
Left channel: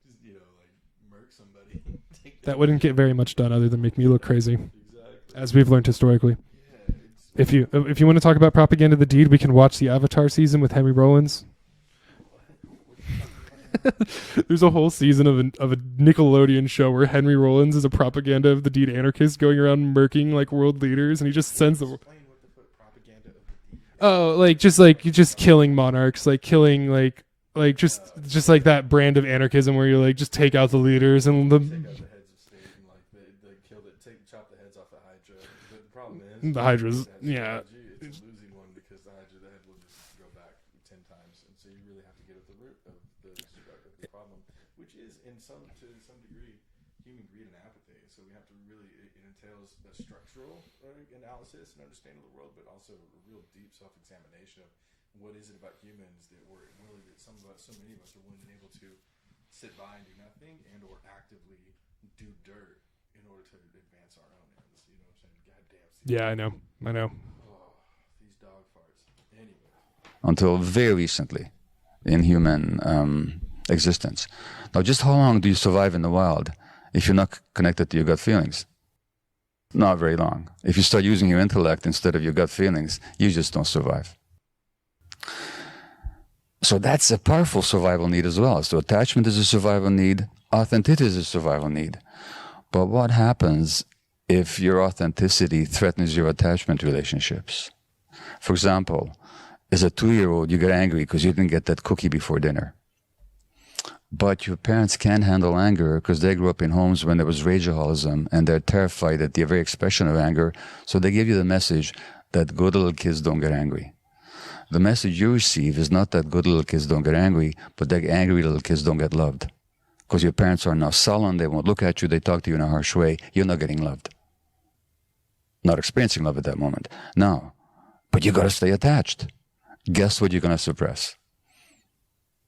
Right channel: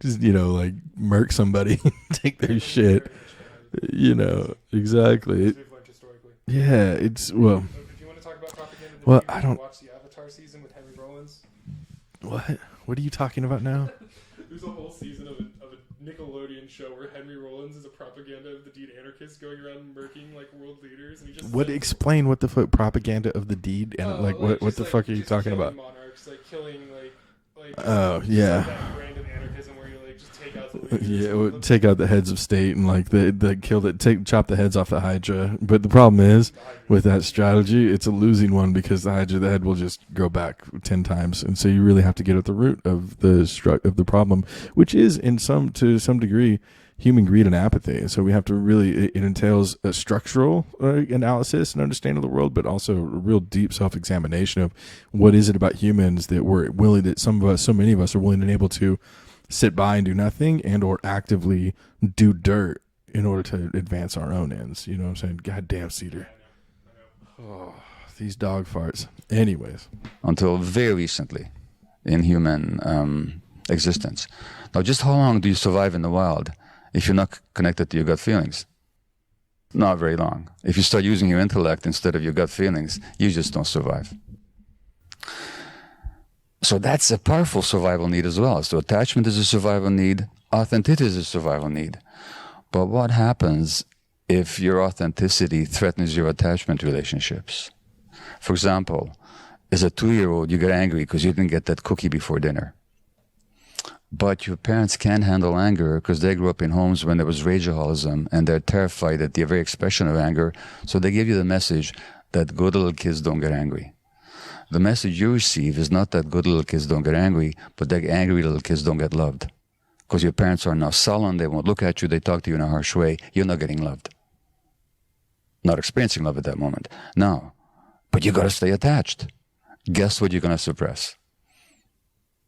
just like murk somebody, take their that wouldn't shit. get very much done other than make you look crazy. Exactly, as we've learned historically. Yeah, if you want to talk about propaganda of the deed, we can watch the Avatar season with Henry Rollins. What are you talking about now? There's a whole season of a Nickelodeon show where Henry Rollins is a propaganda of the deed anarchist going around murking like world leaders, and he just explain what the propaganda of the deed. Just killing monarchs, like killing like like that brand of anarchism where you like just take out the leaders and take out the heads of state and like chop the heads off the Hydra. But the problem is with that strategy, it's a losing one because the head will just go back 10 times, and so you really have to get at the root of the problem, which is to some degree human greed and apathy. So we have to really, it entails a structural analysis and understanding of the world, but also a real deep self-examination of what is it about humans that so many of us are willing and able to sit by and do nothing and or actively do dirt in order to advance our own ends. You know what I'm saying? God damn, Steve. Yeah, I know. Oh, these dog farts. Anyways. Until very recently in human existence. Now, just how long do you survive in the wild if you're not connected to your gut feelings? Not very long. If you start using your intellect instead of your gut feelings, you just don't survive. So that's a powerful survival need as well. So attachment is a survival need. Authenticity is a survival need. But what happens if your authenticity threatens your attachment relationships? For example, as a 2-year-old, you get angry because you didn't get that cookie before dinner. But your parents can't handle anger because they grew up in homes when there was rageaholicism, and they're terrified at the very expression of anger. So they give you the message that good little kids don't get angry. The message you receive is not that good little kids don't get angry, but that angry little kids don't get loved. Because your parents are now sullen, they won't look at you, they talk to you in a harsh way, you're not getting loved. Not experiencing love at that moment. No. But you got to stay attached. Guess what you're going to suppress?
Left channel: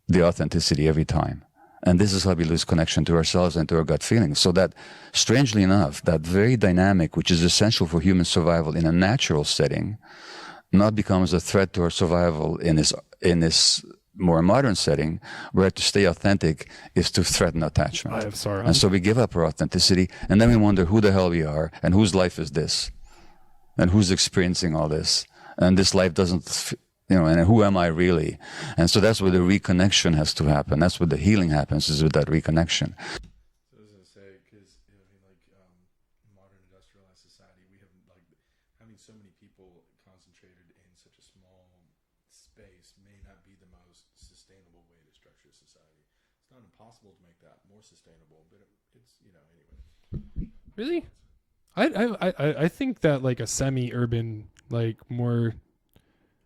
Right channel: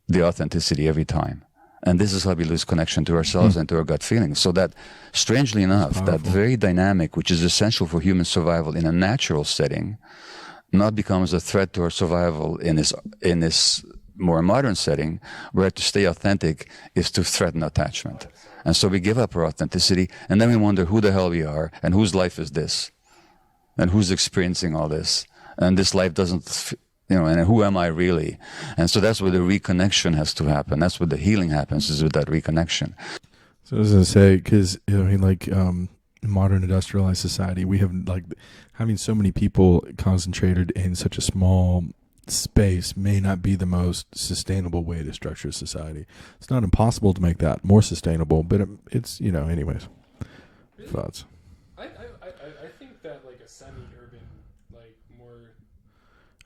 The authenticity every time. And this is how we lose connection to ourselves and to our gut feelings. So that, strangely enough, that very dynamic, which is essential for human survival in a natural setting, not becomes a threat to our survival in this more modern setting, where to stay authentic is to threaten attachment. And so we give up our authenticity, and then we wonder who the hell we are, and whose life is this, and who's experiencing all this, and this life doesn't... and who am I really? And so that's where the reconnection has to happen. That's where the healing happens, is with that reconnection. So I was gonna say, because I mean, like, in modern industrialized society, we have like having so many people concentrated in such a small space may not be the most sustainable way to structure society. It's not impossible to make that more sustainable, but it's, you know, anyways. Really? Thoughts? I think that like a semi-urban, like more.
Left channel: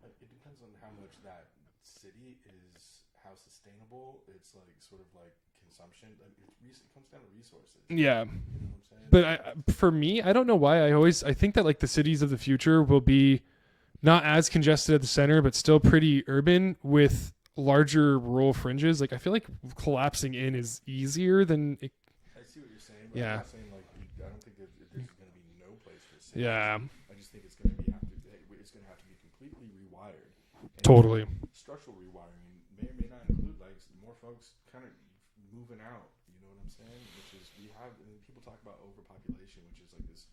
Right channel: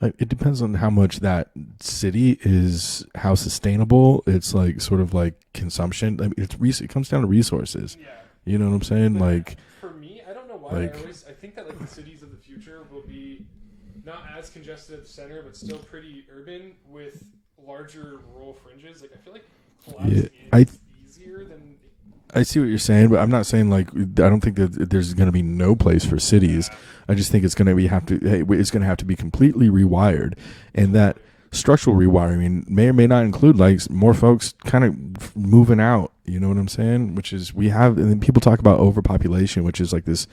It depends on how much that city is, how sustainable it's like, sort of like consumption. I mean, it comes down to resources. Yeah. You know what I'm saying? But like, for me, I don't know why I think that like the cities of the future will be not as congested at the center, but still pretty urban with larger rural fringes. Like I feel like collapsing is easier than. I see what you're saying, but I'm not saying like I don't think that there's going to be no place for cities. Yeah. I just think it's going to have to be completely rewired, and Totally. that structural rewiring may or may not include like more folks kind of moving out. You know what I'm saying? Which is and then people talk about overpopulation, which is like this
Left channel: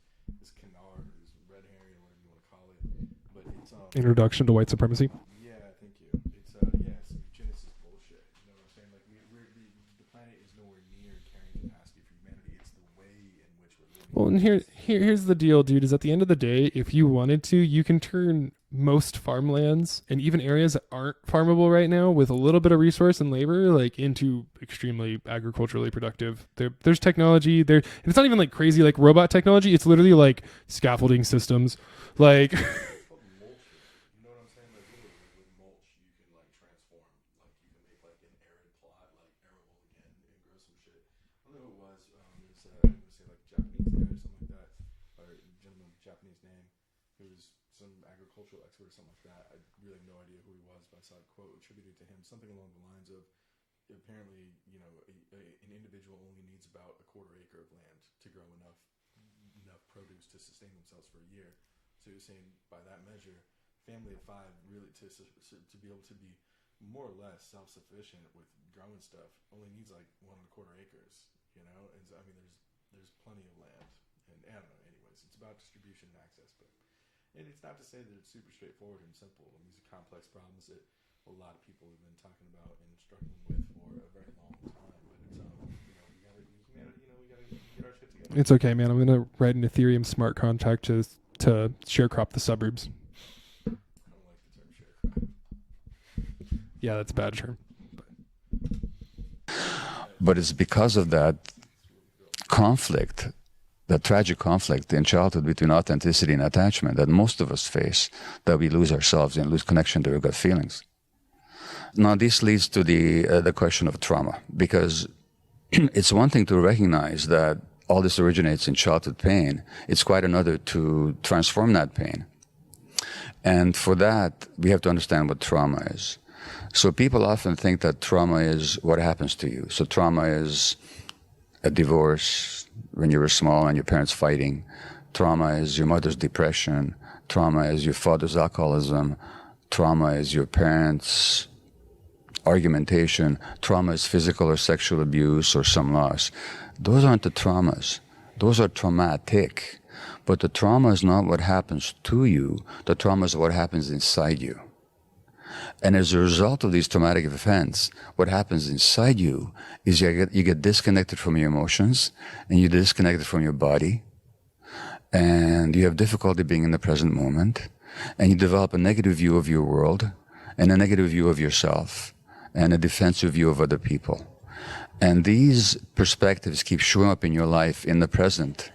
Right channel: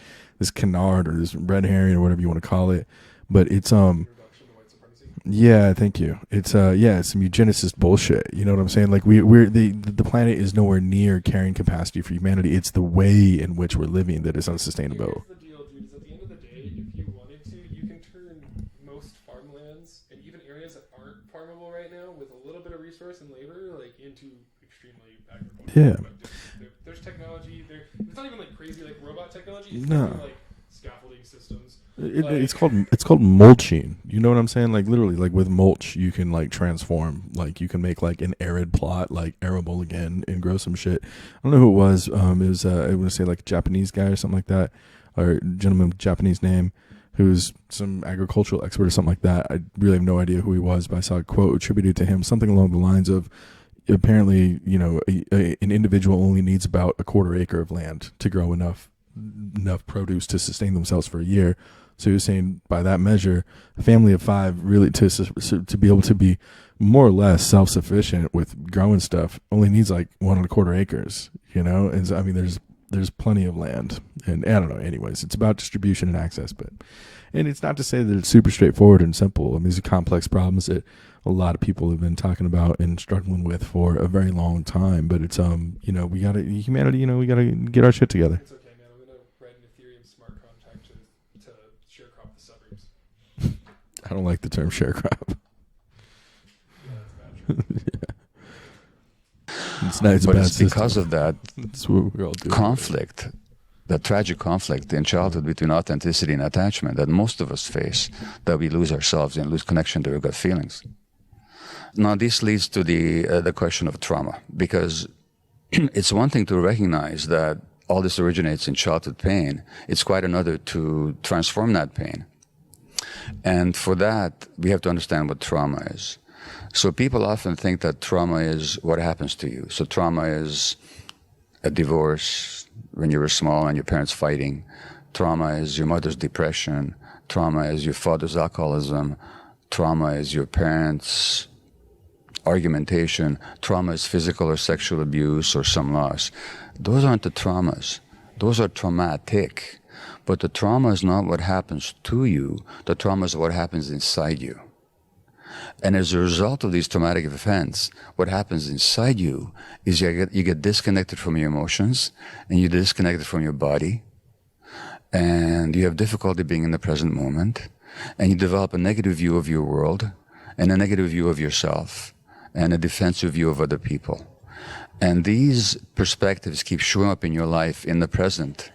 canard or this red herring or whatever you want to call it. But it's introduction to white supremacy. Yeah, thank you. It's it's some eugenicist bullshit. You know what I'm saying? Like the planet is nowhere near carrying capacity for humanity. It's the way in which we're living that is unsustainable. Here's the deal, dude. Is at the end of the day, if you wanted to, you can turn most farmlands and even areas that aren't farmable right now with a little bit of resource and labor, like into extremely agriculturally productive. There's technology there. It's not even like crazy like robot technology. It's literally like scaffolding systems. It's called mulching. You know what I'm saying? Like literally, like with mulch, you can like transform. Like you can make like an arid plot like arable again and grow some shit. I don't know who it was. It was I want to say like a Japanese guy or something like that, or gentleman with Japanese name, who's some agricultural expert or something like that. I really have no idea who he was, but I saw a quote attributed to him, something along the lines of, apparently, you know, an individual only needs about a quarter acre of land to grow enough produce to sustain themselves for a year. So he was saying, by that measure, a family of 5 really to be able to be more or less self-sufficient with growing stuff only needs like 1.25 acres. You know, and so, I mean, there's plenty of land, and I don't know. Anyways, it's about distribution and access, and it's not to say that it's super straightforward and simple. I mean, these are complex problems that a lot of people have been talking about and struggling with for a very long time. But it's you know, we gotta get our shit together. It's okay, man. I'm gonna write an Ethereum smart contract to sharecrop the suburbs. I don't like the term sharecrop. Yeah, that's bad. Sure. It's because of that conflict, that tragic conflict in childhood between authenticity and attachment that most of us face, that we lose ourselves and lose connection to our gut feelings. Now, this leads to the question of trauma, because it's one thing to recognize that all this originates in childhood pain. It's quite another to transform that pain. And for that, we have to understand what trauma is. So people often think that trauma is what happens to you. So trauma is a divorce when you were small and your parents fighting. Trauma is your mother's depression. Trauma is your father's alcoholism. Trauma is your parents' argumentation. Trauma is physical or sexual abuse or some loss. Those aren't the traumas. Those are traumatic. But the trauma is not what happens to you. The trauma is what happens inside you. And as a result of these traumatic events, what happens inside you is you get disconnected from your emotions, and you're disconnected from your body, and you have difficulty being in the present moment, and you develop a negative view of your world, and a negative view of yourself, and a defensive view of other people. And these perspectives keep showing up in your life in the present.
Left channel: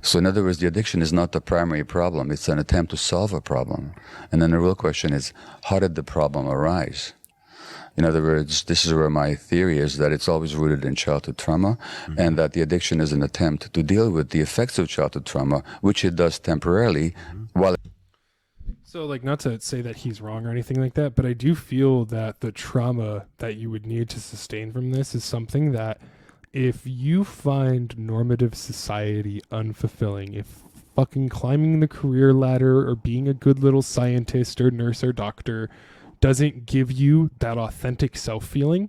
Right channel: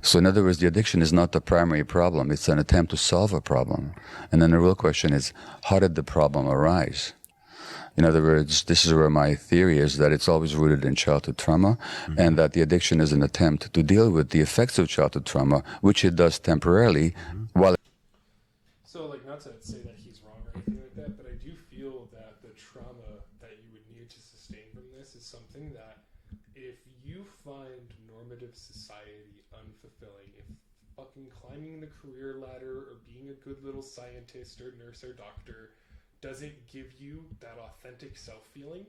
So in other words, the addiction is not the primary problem. It's an attempt to solve a problem. And then the real question is, how did the problem arise? In other words, this is where my theory is that it's always rooted in childhood trauma, and that the addiction is an attempt to deal with the effects of childhood trauma, which it does temporarily, while... So, like, not to say that he's wrong or anything like that, but I do feel that the trauma that you would need to sustain from this is something that, if you find normative society unfulfilling, if fucking climbing the career ladder or being a good little scientist or nurse or doctor doesn't give you that authentic self-feeling,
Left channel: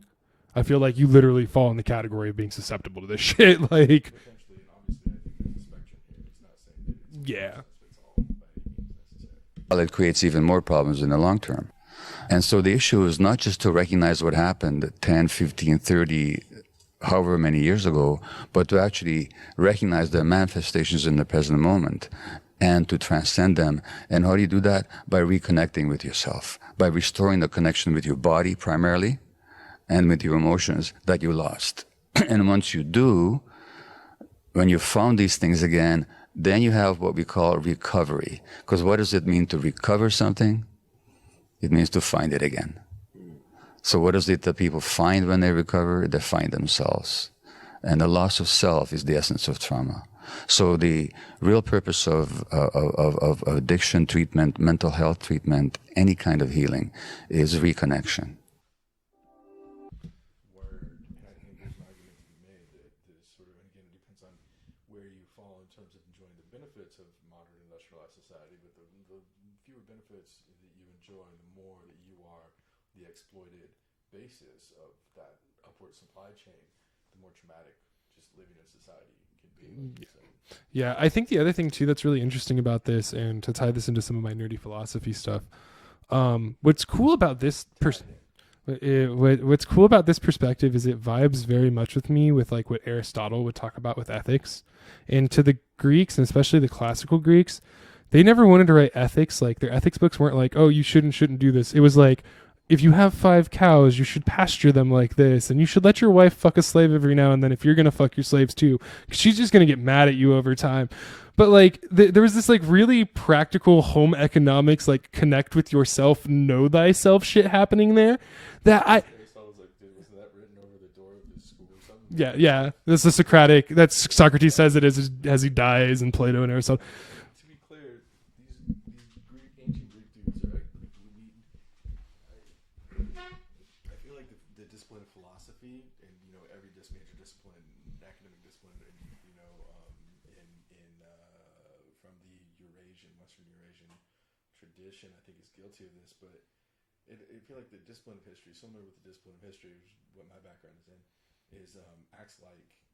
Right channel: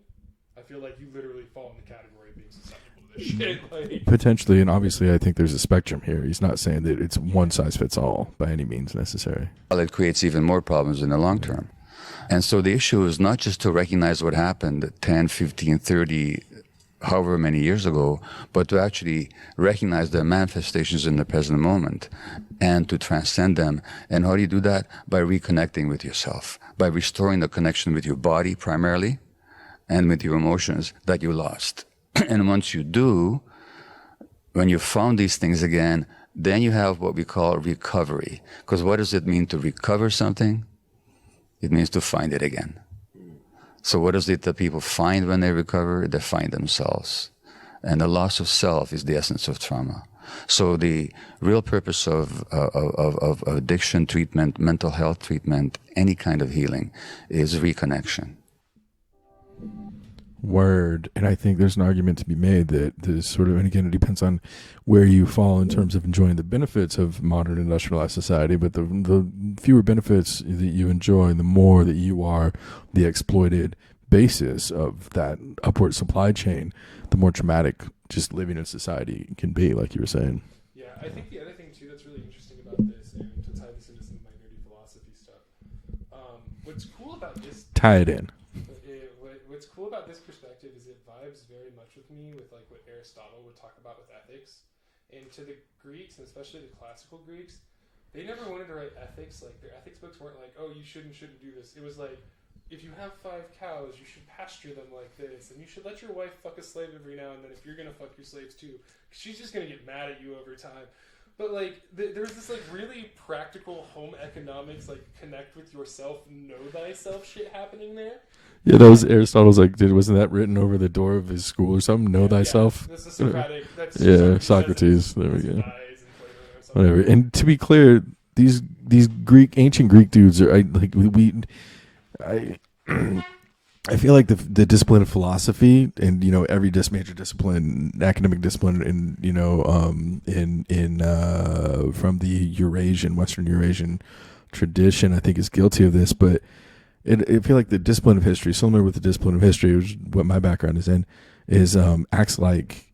I feel like you literally fall in the category of being susceptible to this shit. Like, potentially, and obviously I think there's a spectrum here. He's not saying that it's one size fits all by any means necessary. Well, it creates even more problems in the long term. And so the issue is not just to recognize what happened 10, 15, 30 however many years ago, but to actually recognize their manifestations in the present moment and to transcend them. And how do you do that? By reconnecting with yourself, by restoring the connection with your body primarily and with your emotions that you lost. And once you do, when you found these things again, then you have what we call recovery. Because what does it mean to recover something? It means to find it again. So what is it that people find when they recover? They find themselves. And the loss of self is the essence of trauma. So the real purpose of addiction treatment, mental health treatment, any kind of healing is reconnection. Word. And I think there's an argument to be made that this sort of, and again, it depends on where you fall in terms of enjoying the benefits of modern industrialized society, but the fewer benefits that you enjoy, the more that you are the exploited basis of that upward supply chain, the more traumatic just living in society can be, like you were saying. Yeah, I think the other thing too that's really interesting about this, and to tie this into some of my nerdy philosophy stuff, what's cool about this what's cool about this perspective is it vibes very much with me with like what Aristotle would talk about with ethics. And to the Greeks, and especially the classical Greeks, they never wanted to write ethics. Like their ethics books weren't like, oh, you shouldn't do this. It was like, if you have 5 cows, you should pasture them like this, and you should let your wife fuck a slave every now and then if you're gonna fuck your slaves too, because she's just gonna get mad at you over time. But like there was this like really practical home economics, like connect with yourself, know thyself shit happening there. Aristotle's like, wasn't that written over the door of his school or something? Know thyself. Yeah, this is Socratic. That's Socrates says it as he dies, and Plato and Aristotle. Whatever. And to be clear, these ancient Greek dudes are I feel like the discipline of philosophy, and every major discipline, academic discipline, from the Western Eurasian tradition, I think is guilty of this. But I feel like the discipline of history, similar with the discipline of history, which is what my background is in, acts like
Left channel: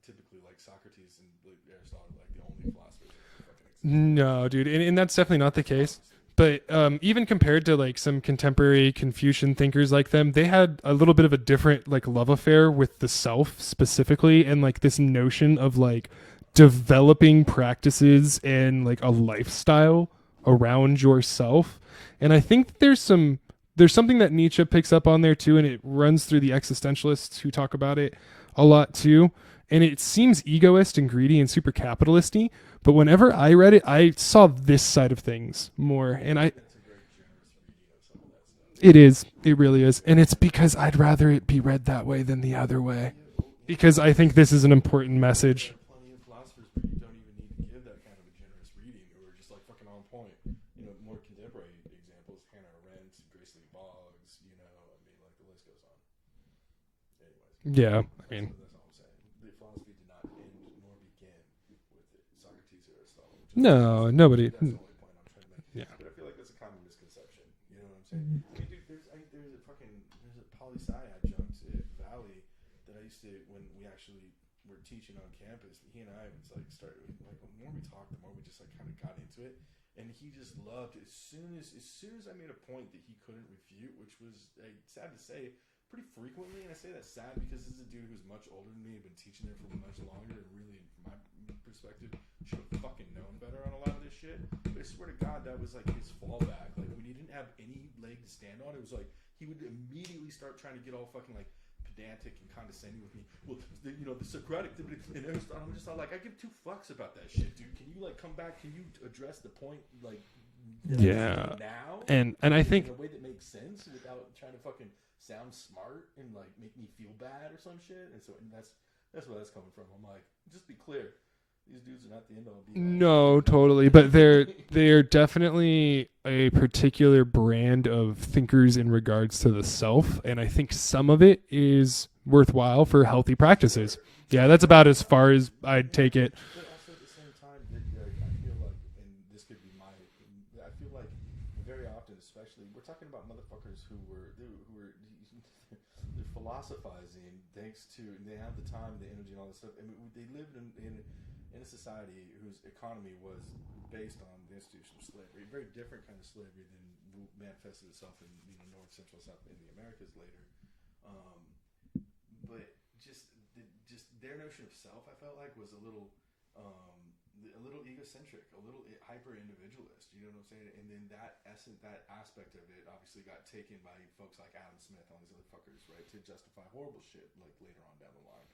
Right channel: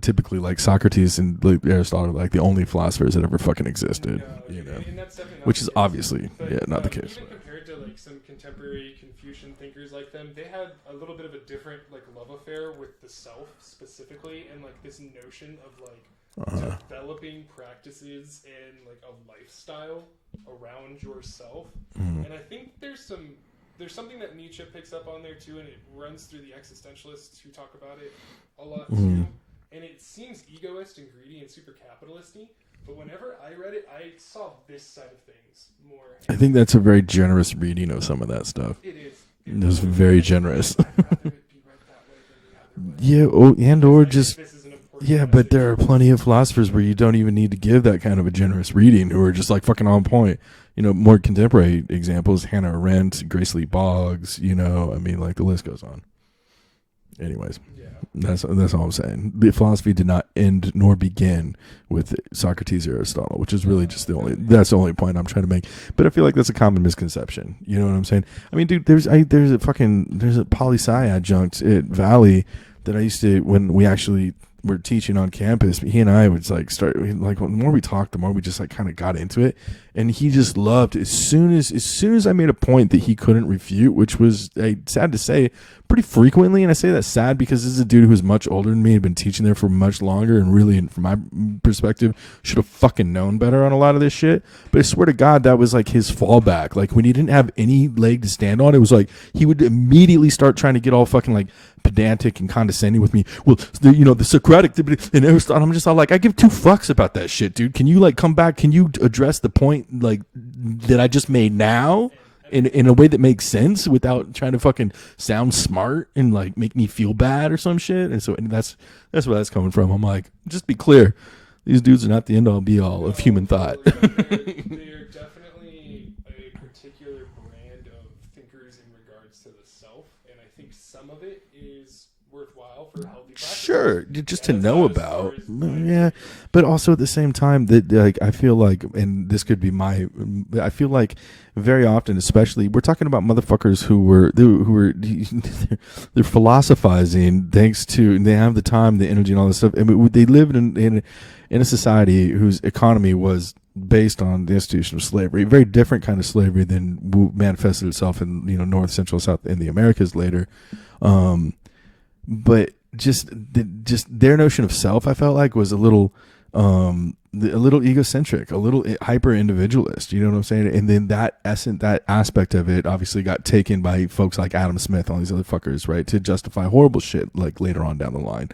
typically like Socrates and Aristotle, like the only philosophers that ever fucking existed. No, dude, and that's definitely not the case. Which is obviously, but not the case. Even compared to like some contemporary Confucian thinkers like them, they had a little bit of a different like love affair with the self specifically, and like this notion of like developing practices and like a lifestyle around yourself. And I think there's something that Nietzsche picks up on there too, and it runs through the existentialists who talk about it a lot too. And it seems egoist and greedy and super capitalisty, but whenever I read it, I saw this side of things more. And I think that's a very generous reading of some of that stuff. It is. It really is. Very and it's generous. Because I'd rather it be read that way than the other way. Yeah, because I think this is an important message. But there are plenty of philosophers where you don't even need to give that kind of a generous reading, who are just like fucking on point. More contemporary examples, Hannah Arendt, Grace Lee Boggs, like the list goes on. Anyways, yeah, that's all I'm saying. The philosophy did not end nor begin with Socrates or Aristotle, which is really just that's the only point I'm trying to make. But I feel like that's a common misconception. You know what I'm saying? I mean, dude, there's a poli-sci adjunct at Valley that I used to, when we actually were teaching on campus, he and I would like the more we talked, the more we just like kind of got into it, and he just loved as soon as I made a point that he couldn't refute, which was sad to say pretty frequently. And I say that sad because this is a dude who was much older than me, had been teaching there for much longer, and really, from my perspective, should have fucking known better on a lot of this shit. But I swear to God, that was like his fallback. Like when he didn't have any leg to stand on, it was like he would immediately start trying to get all fucking like pedantic and condescending with me. Well, the Socratic and Aristotle. I'm just all like, I give 2 fucks about that shit, dude. Can you like come back? Can you address the point like that I just made now, and in a way that makes sense without trying to fucking sound smart and like make me feel bad or some shit? And that's where that's coming from. I'm like, just be clear, these dudes are not the end all be all of human thought. But they're definitely a particular brand of thinkers in regards to the self, and I think some of it is worthwhile for healthy practices. Sure, that's about as far as I'd take it. But also at the same time, that like I feel like, and this could be I feel like very often, especially, we're talking about motherfuckers who were they're philosophizing thanks to, and they have the time, the energy, and all this stuff. And they lived in a society whose economy was based on the institution of slavery, a very different kind of slavery than manifested itself in North, Central, South, in the Americas later. But just their notion of self, I felt like, was a little egocentric, a little hyper individualist. You know what I'm saying? And then that aspect of it obviously got taken by folks like Adam Smith and all these other fuckers, right, to justify horrible shit like later on down the line.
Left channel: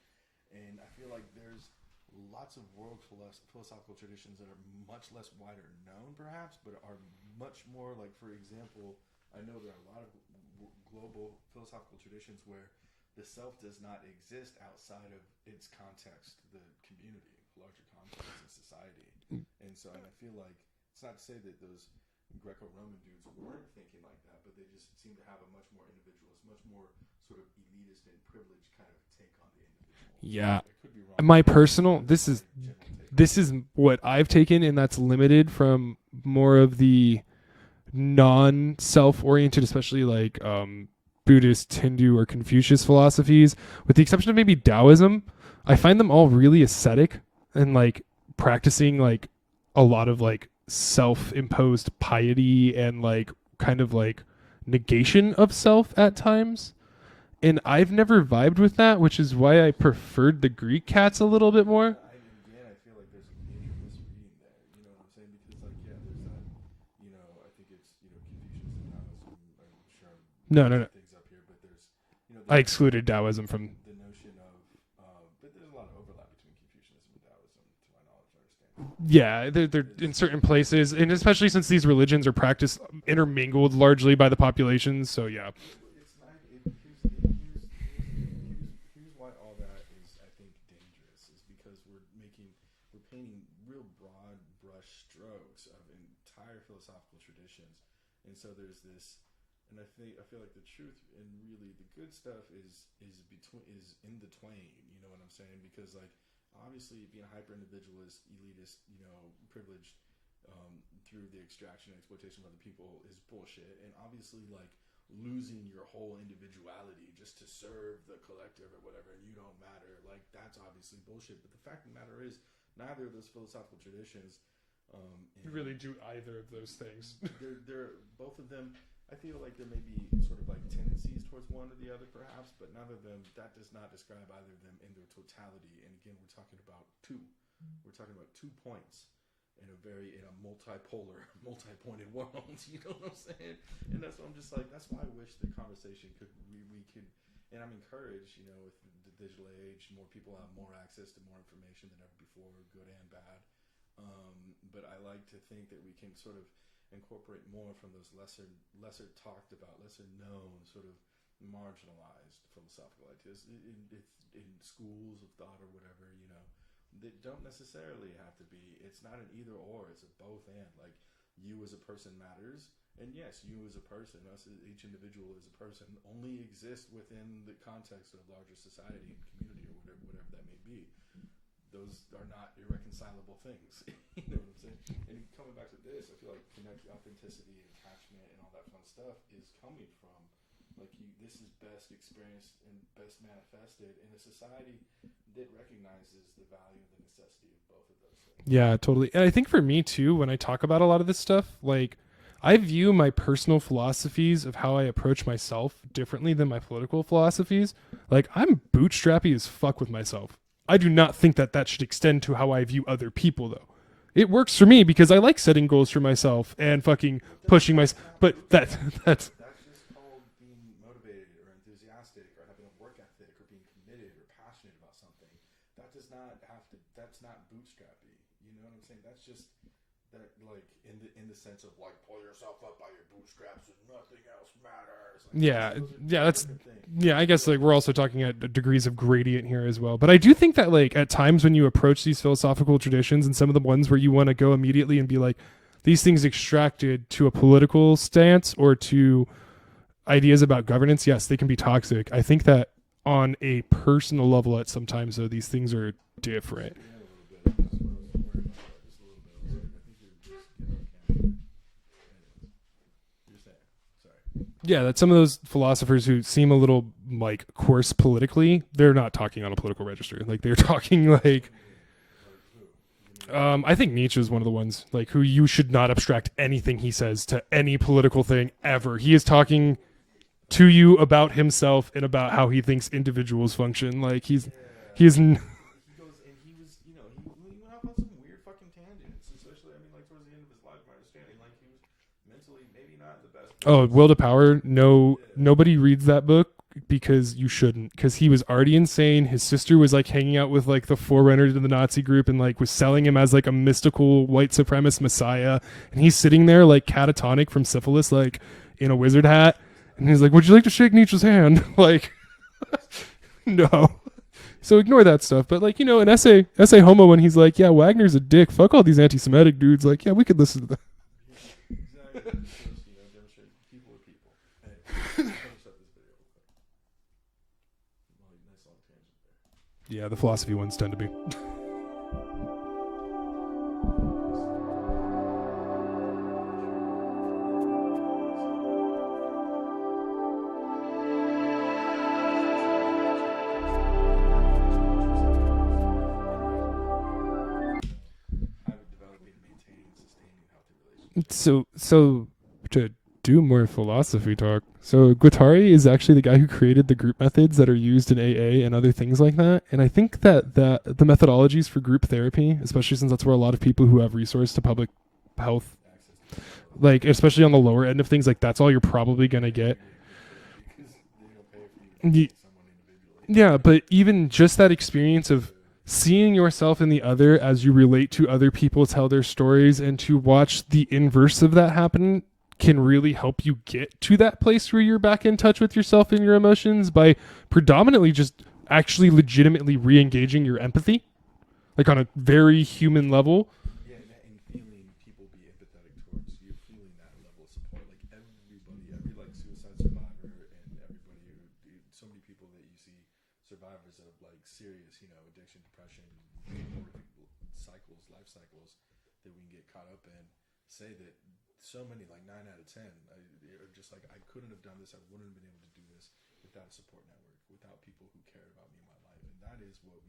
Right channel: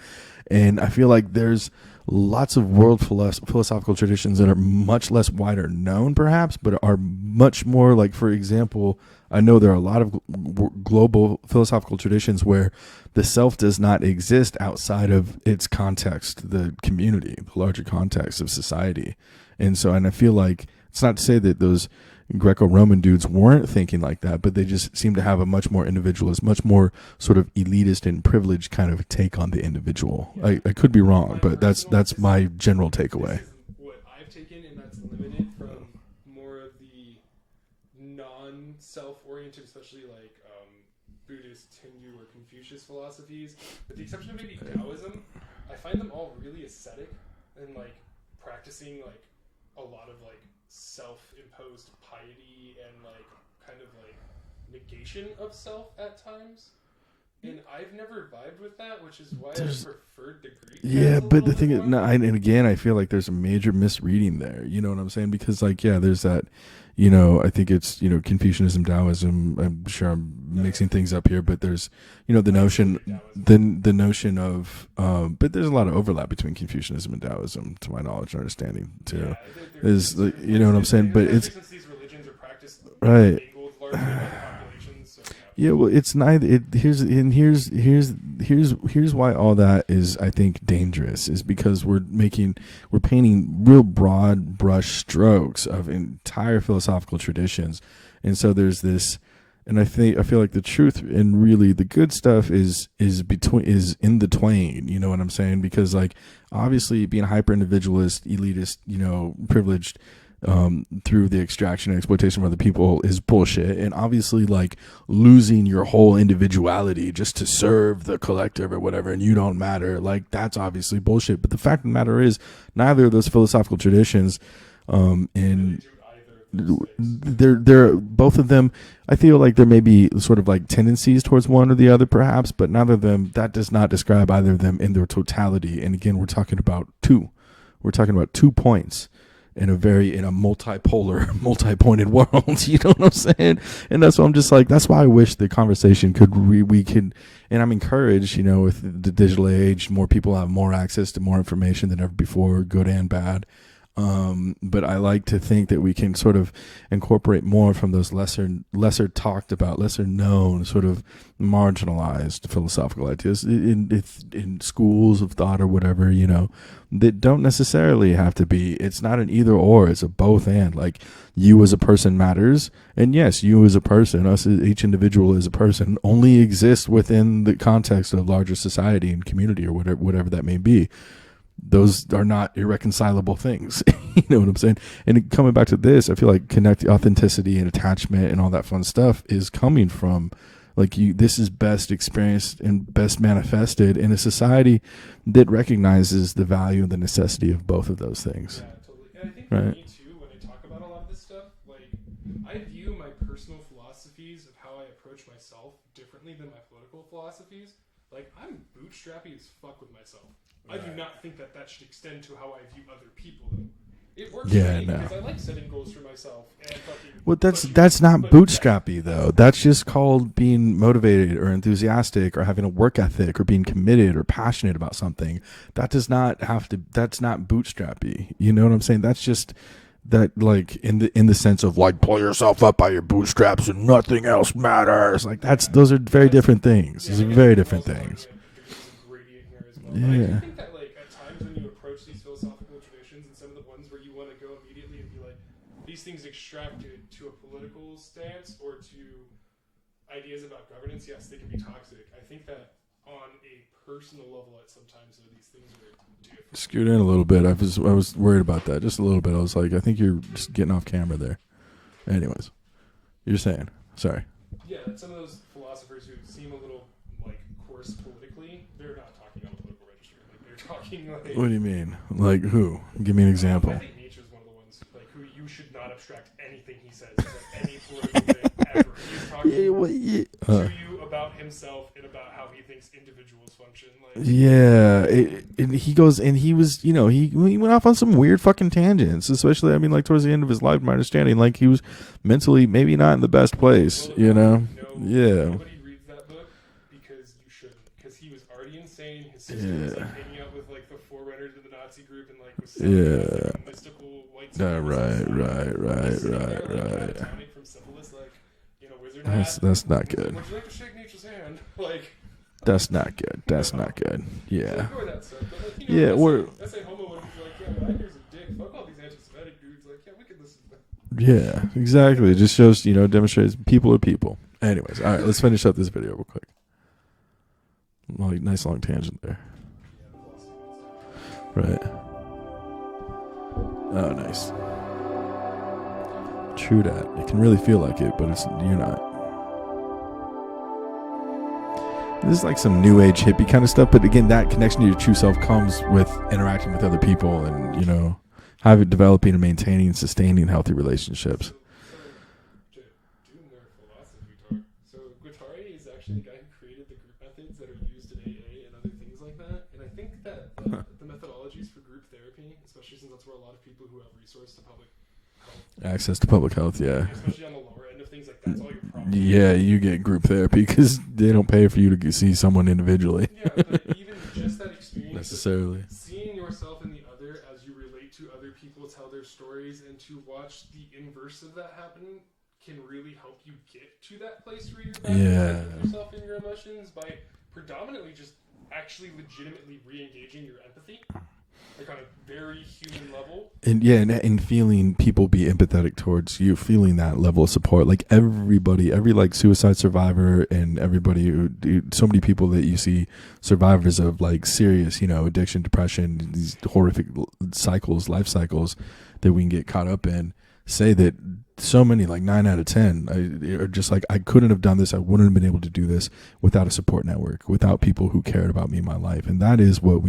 And I feel like there's lots of world philosophical traditions that are much less wider known, perhaps, but are much more like, for example, I know there are a lot of global philosophical traditions where the self does not exist outside of its context, the community, the larger context of society. And I feel like it's not to say that those Greco-Roman dudes weren't thinking like that, but they just seem to have a much more individualist, much more sort of elitist and privileged kind of take on the individual. Yeah. I could be wrong, but that's my general takeaway. This is what I've taken, and that's limited from more of the non-self-oriented, especially like Buddhist, Hindu, or Confucius philosophies, with the exception of maybe Taoism. I find them all really ascetic and like practicing like a lot of like self-imposed piety and like kind of like negation of self at times. And I've never vibed with that, which is why I preferred the Greek cats a little bit more. And again, I feel like there's a major misreading there. You know what I'm saying? Because like, yeah, there's that, you know, I think it's, you know, Confucianism, Taoism. I'm sure I'm mixing things up here, but there's, you know, the notion, Taoism. The notion of, but there's a lot of overlap between Confucianism and Taoism, to my knowledge and understanding. Too. Yeah, they're in certain places, and especially since these religions are practiced intermingled largely by the populations. So yeah. Yeah, well, it's neither. Here's why all that is, I think, dangerous, is because we're painting real broad brush strokes of entire philosophical traditions, and so there's this. And I feel like the truth and really the good stuff is in the twain. You know what I'm saying? Because like obviously being hyper individualist, elitist, you know, privileged through the extraction and exploitation of other people is bullshit. And obviously like losing your whole individuality just to serve the collective or whatever, and you don't matter, like that's obviously bullshit. But the fact of the matter is, neither of those philosophical traditions, they're both of them. I feel like there may be sort of like tendencies towards one or the other, perhaps, but neither of them. That does not describe either of them in their totality. And again, we're talking about two. We're talking about 2 points in a multipolar, multi-pointed world. You know what I'm saying? And that's why I'm just like, that's why I wish the conversation we could. And I'm encouraged, you know, with the digital age, more people have more access to more information than ever before, good and bad. But I like to think that we can sort of incorporate more from those lesser talked about, lesser known, sort of marginalized philosophical ideas in schools of thought or whatever, you know, that don't necessarily have to be. It's not an either or, it's a both and. Like, you as a person matters, and yes, you as a person, each individual as a person, only exists within the context of larger society and community or whatever that may be. Those are not irreconcilable things. You know what I'm saying? And coming back to this, I feel like authenticity and attachment and all that fun stuff is coming from like this is best experienced and best manifested in a society that recognizes the value and the necessity of both of those things. Yeah, totally. And I think for me too, when I talk about a lot of this stuff, like I view my personal philosophies of how I approach myself differently than my political philosophies. Like I'm bootstrappy as fuck with myself. I do not think that should extend to how I view other people, though. It works for me because I like setting goals for myself and fucking pushing. That's not bootstrappy, though. That's just called being motivated or enthusiastic or having a work ethic or being committed or passionate about something. That does not have to. That's not bootstrappy. You know what I'm saying? That's just that, like in the sense of like pull yourself up by your bootstraps and nothing else matters. Like those are very different things. Yeah, I guess like we're also talking at degrees of gradient here as well. But I do think that like at times when you approach these philosophical traditions and some of the ones where you want to go immediately and be like, these things extracted to a political stance or to ideas about governance, yes, they can be toxic. I think that on a personal level at sometimes though, these things are different. Scoot in a little bit. I was worried about that just a little bit. I was like, I think you're just getting off camera there. Anyways, you're saying, sorry. Yeah, that some of those philosophers who seem a little like course politically, they're not talking on a political register. Like they're talking like. What do you mean? Like who? Give me an example. I think Nietzsche is one of the ones like who you should not abstract anything he says to any political thing ever. He is talking to you about himself and about how he thinks individuals function. Like and he goes and he was he went off on some weird fucking tangents. Especially I mean like towards the end of his life, my understanding like he was mentally maybe not in the best place. Will to Power. Nobody reads that book. Because you shouldn't, because he was already insane. His sister was like hanging out with like the forerunner to the Nazi group and like was selling him as like a mystical white supremacist messiah. And he's sitting there like catatonic from syphilis, like in a wizard hat. That's not. And he's like, "Would you like to shake Nietzsche's hand?" Like, that's not good. That's not good. Yeah. So ignore that stuff. But like an essay homo when he's like, "Yeah, Wagner's a dick. Fuck all these anti-Semitic dudes." Like, yeah, we could listen to that. Yeah, exactly. It just shows demonstrates people are people. Anyways, all right, let's finish up this video real quick. Like, nice long tangent there. Yeah, the philosophy ones tend to be. Right. Oh, nice. True that. You can really feel like it, but you're not. This is like some new age hippie kind of stuff, but again, that connection to your true self comes with interacting with other people and, developing and maintaining and sustaining healthy relationships. So to do more philosophy talk. So Guattari is actually the guy who created the group methods that are used in AA and other things like that. And I think that the methodologies for group therapy, especially since that's where a lot of people who have resource to public health, access to public health, like especially on the lower end of things, like that's all you're probably gonna get. You get group therapy because they don't pay for you to see someone individually. Yeah, but even just that experience of seeing yourself in the other as you relate to other people tell their stories and to watch the inverse of that happen can really help you get to that place where you're back in touch with yourself and your emotions by predominantly just actually legitimately re-engaging your empathy, like on a very human level. And feeling people be empathetic towards you, feeling that level of support. Like every like suicide survivor and everybody, so many people that you see survivors of like serious, addiction, depression, these horrific life cycles that we can get caught up in, say that so many, like 9 out of 10 are just like, I couldn't have done this. I wouldn't have been able to do this without a support network, without people who cared about me in my life. And that is what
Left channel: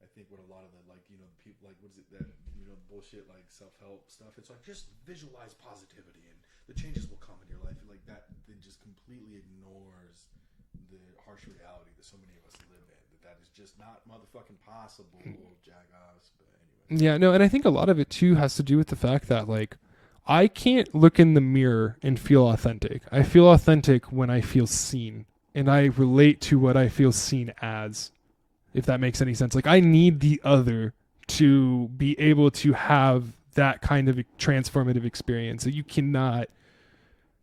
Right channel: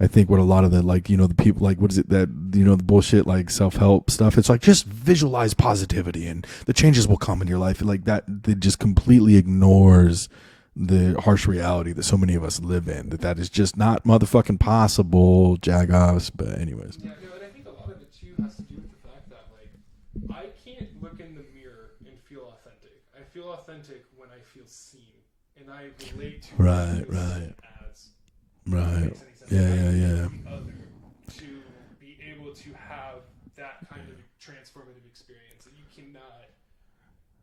I think what a lot of the, like, the people, like, what is it that, the bullshit, like self-help stuff. It's like, just visualize positivity and the changes will come in your life. Like that just completely ignores the harsh reality that so many of us live in, that is just not motherfucking possible, jagoffs. But anyways. Yeah, no. And I think a lot of it too has to do with the fact that like, I can't look in the mirror and feel authentic. I feel authentic when I feel seen, and I relate to what I feel seen as, if that makes any sense. Like I need the other to be able to have that kind of transformative experience. So you cannot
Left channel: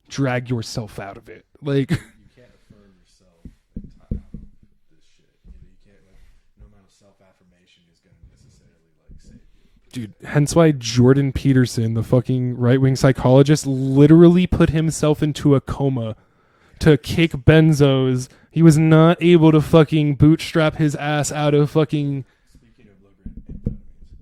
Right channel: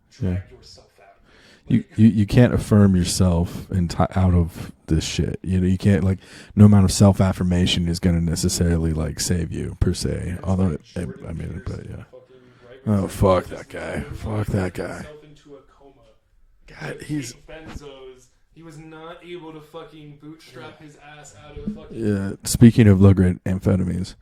drag yourself out of it. Like you can't affirm yourself out of this shit. You can't, like, no amount of self-affirmation is going to necessarily like save you per se. Hence why Jordan Peterson, the fucking right-wing psychologist, literally put himself into a coma to kick benzos. He was not able to fucking bootstrap his ass out of fucking. Yeah. Speaking of low-grade amphetamines,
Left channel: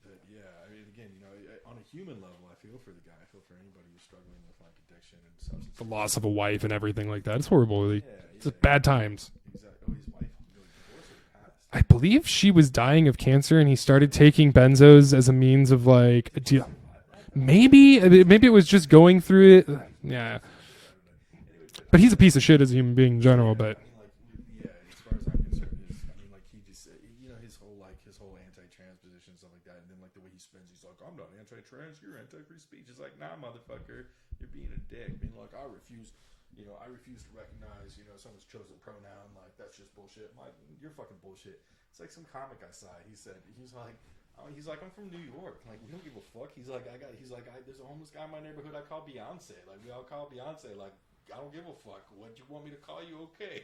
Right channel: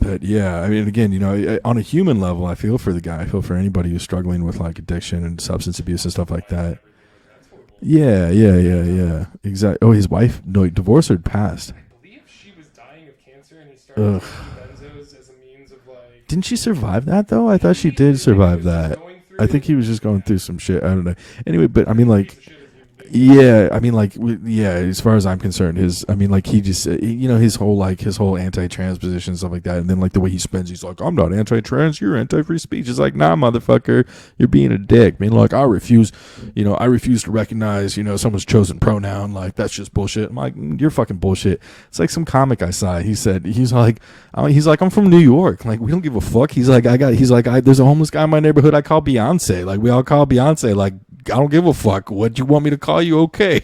but yeah, I mean, again, on a human level, I feel for the guy. I feel for anybody who's struggling with like addiction and substance abuse and stuff like that, and everything like that. It's horrible. Bad times. Exactly. Oh, his wife, divorced or passed? I believe she was dying of cancer, and he started taking benzos as a means of like. Didn't she survive that though? Maybe, I thought she did survive. Maybe it was just going through. I think he was just going through some shit. I don't know. Anyway, but I mean, he's like, a piece of shit as a human being. Yeah, I mean, like, as far as I'm concerned, he just, his whole anti-trans position and stuff like that, and then like the way he spends, he's like, I'm not anti-trans, you're anti-free speech. It's like, nah, motherfucker, you're being a dick. I mean, like, I refuse to recognize, someone's chosen pronoun. Like, that's just bullshit. I'm like, you're fucking bullshit. It's like some comic I saw. He's like, I'm from New York. Like, we don't give a fuck. He's like, there's a homeless guy in my neighborhood I call Beyonce. Like, we all call Beyonce. Like, I don't give a fuck. What do you want me to call you? Okay.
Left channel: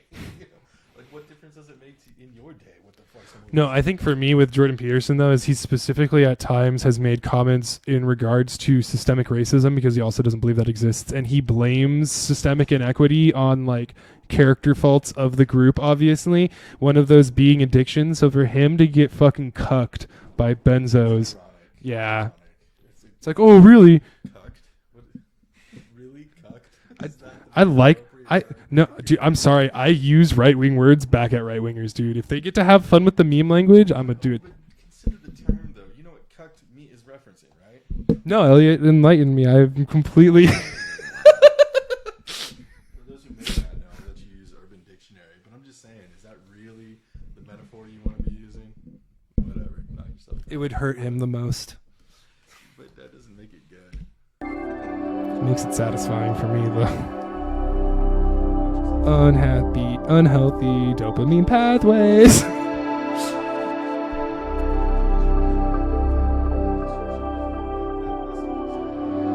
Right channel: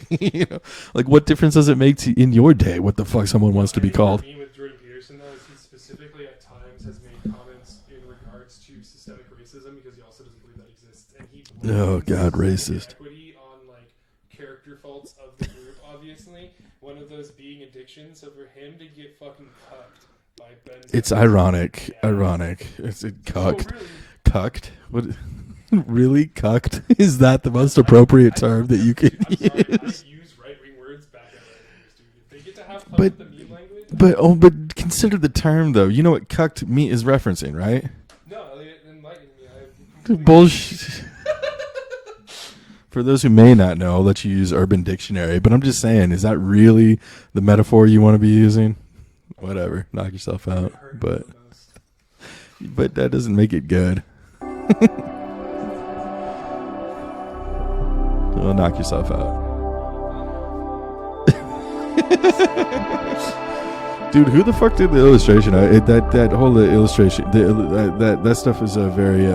Like, what difference does it make in your day what the fuck someone wants to be called? I think for me with Jordan Peterson, though, is he specifically at times has made comments in regards to systemic racism, because he also doesn't believe that exists. And he blames systemic inequity on, like, character faults of the group, obviously. One of those being addiction. So for him to get fucking cucked by benzos. It's ironic. Yeah. Ironic. It's like, oh, really? Cucked? What? Really? Cucked? Is that the most appropriate term that you can dude, I'm sorry. I use right-wing words back at right-wingers, dude. If they get to have fun with the meme language, but consider the term, though. You know what cucked is referencing, right? No, Elliot, enlighten me. I'm completely... For those who may not know, I'll let you use Urban Dictionary. But I'm just saying, is that really the metaphor you want to be using? Whatever. Knock yourself out. It would hurt him the most. But that doesn't make it good. Makes it satisfying for me, though. Oh, knock yourself out. Unhealthy dopamine pathways. Dude, who the fuck did the illustration? That whole illustration, that stuff is a very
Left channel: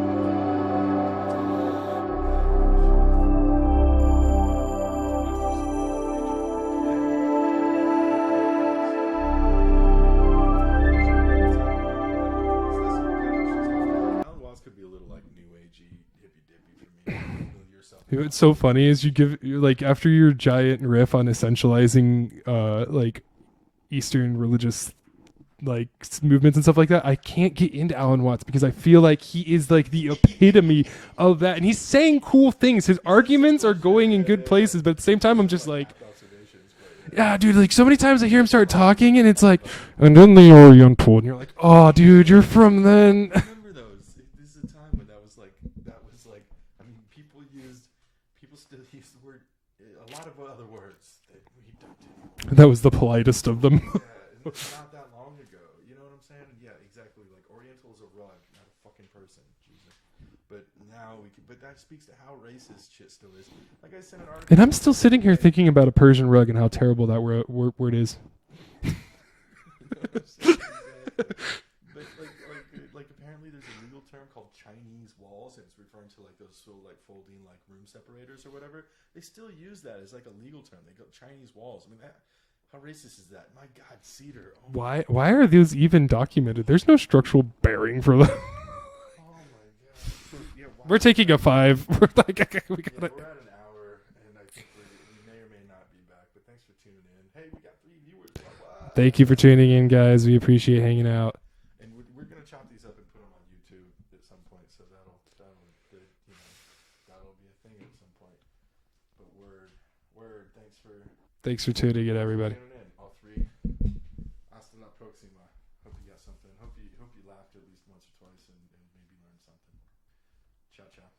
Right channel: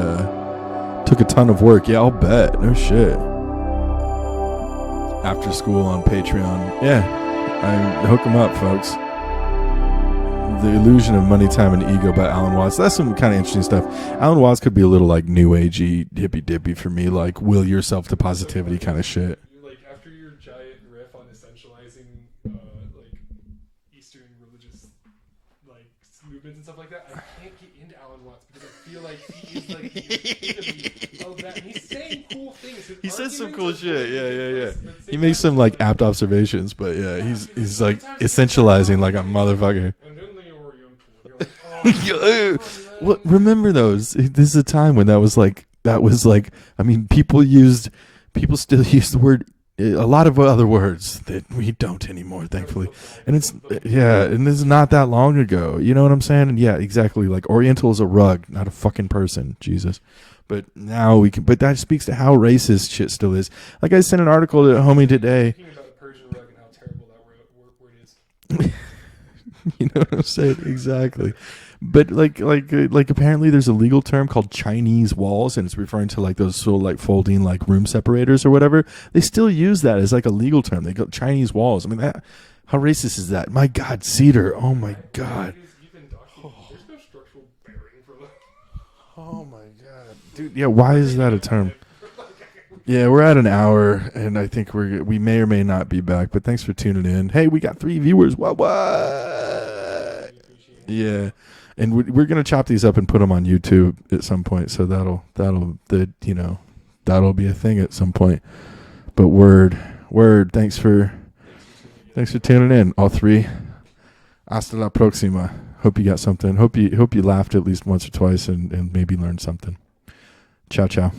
took a ton of work. Yeah, I'll bet. No shit. After school on Patreon. Yeah, I hook them up, folks. The Illusion of Money, Time, and Ego by Alan Watts. That's some kind of interesting stuff. Alan Watts could be a little like new agey, hippy dippy for me, like will yourself to positivity. It's so funny kind of shit. Like after your giant riff on essentializing like Eastern religious like movements and stuff like that, I can't get into Alan Watts because I feel like he is like the epitome of that, and he's saying cool things. His arguments are going in good places, but at the same time, I'm just like apt observations. But dude, like so many times I hear him start talking, like and it's like, and then the Oriental, and you're like, oh, dude, you're from then. Well, remember those? This is a time when that was like. I mean, people still use the word. A lot of other words that we don't anymore. That was the politest of them. Yeah, and this is not that long ago. You know what I'm saying? And yeah, exactly. Like Oriental is a rug, not a fucking person. Jesus. But now we can. But that speaks to how racist shit still is. Like I sent an article to homie today. Here thinking about a Persian rug and how terrible that word is. You know what I'm saying? Exactly. But like apparently there's a legal term called Chinese walls, and it's referring to like those sort of like folding like room separators or whatever. They still use that as like a legal term. They go Chinese walls. I mean, how racist is that? My God, cedar. Oh my God. Why are these even documented? There's no structural bearing for them. Oh my God, dude. Yeah, why? We're taking a 5. We're at an hour, and I think we may or may not be back. But thanks for tuning in. Hey, we got 3 viewers. What? Thank you for tuning in, guys. We appreciate hanging out. And we're gonna chop these up and put them on YouTube at some point. So that'll be a thing at some point. But word. Thanks for tuning in. Thanks for tuning in, all 3. Hasta la próxima. Hope you got something. Hope you laughed at least once or twice and maybe learned something. Ciao, ciao.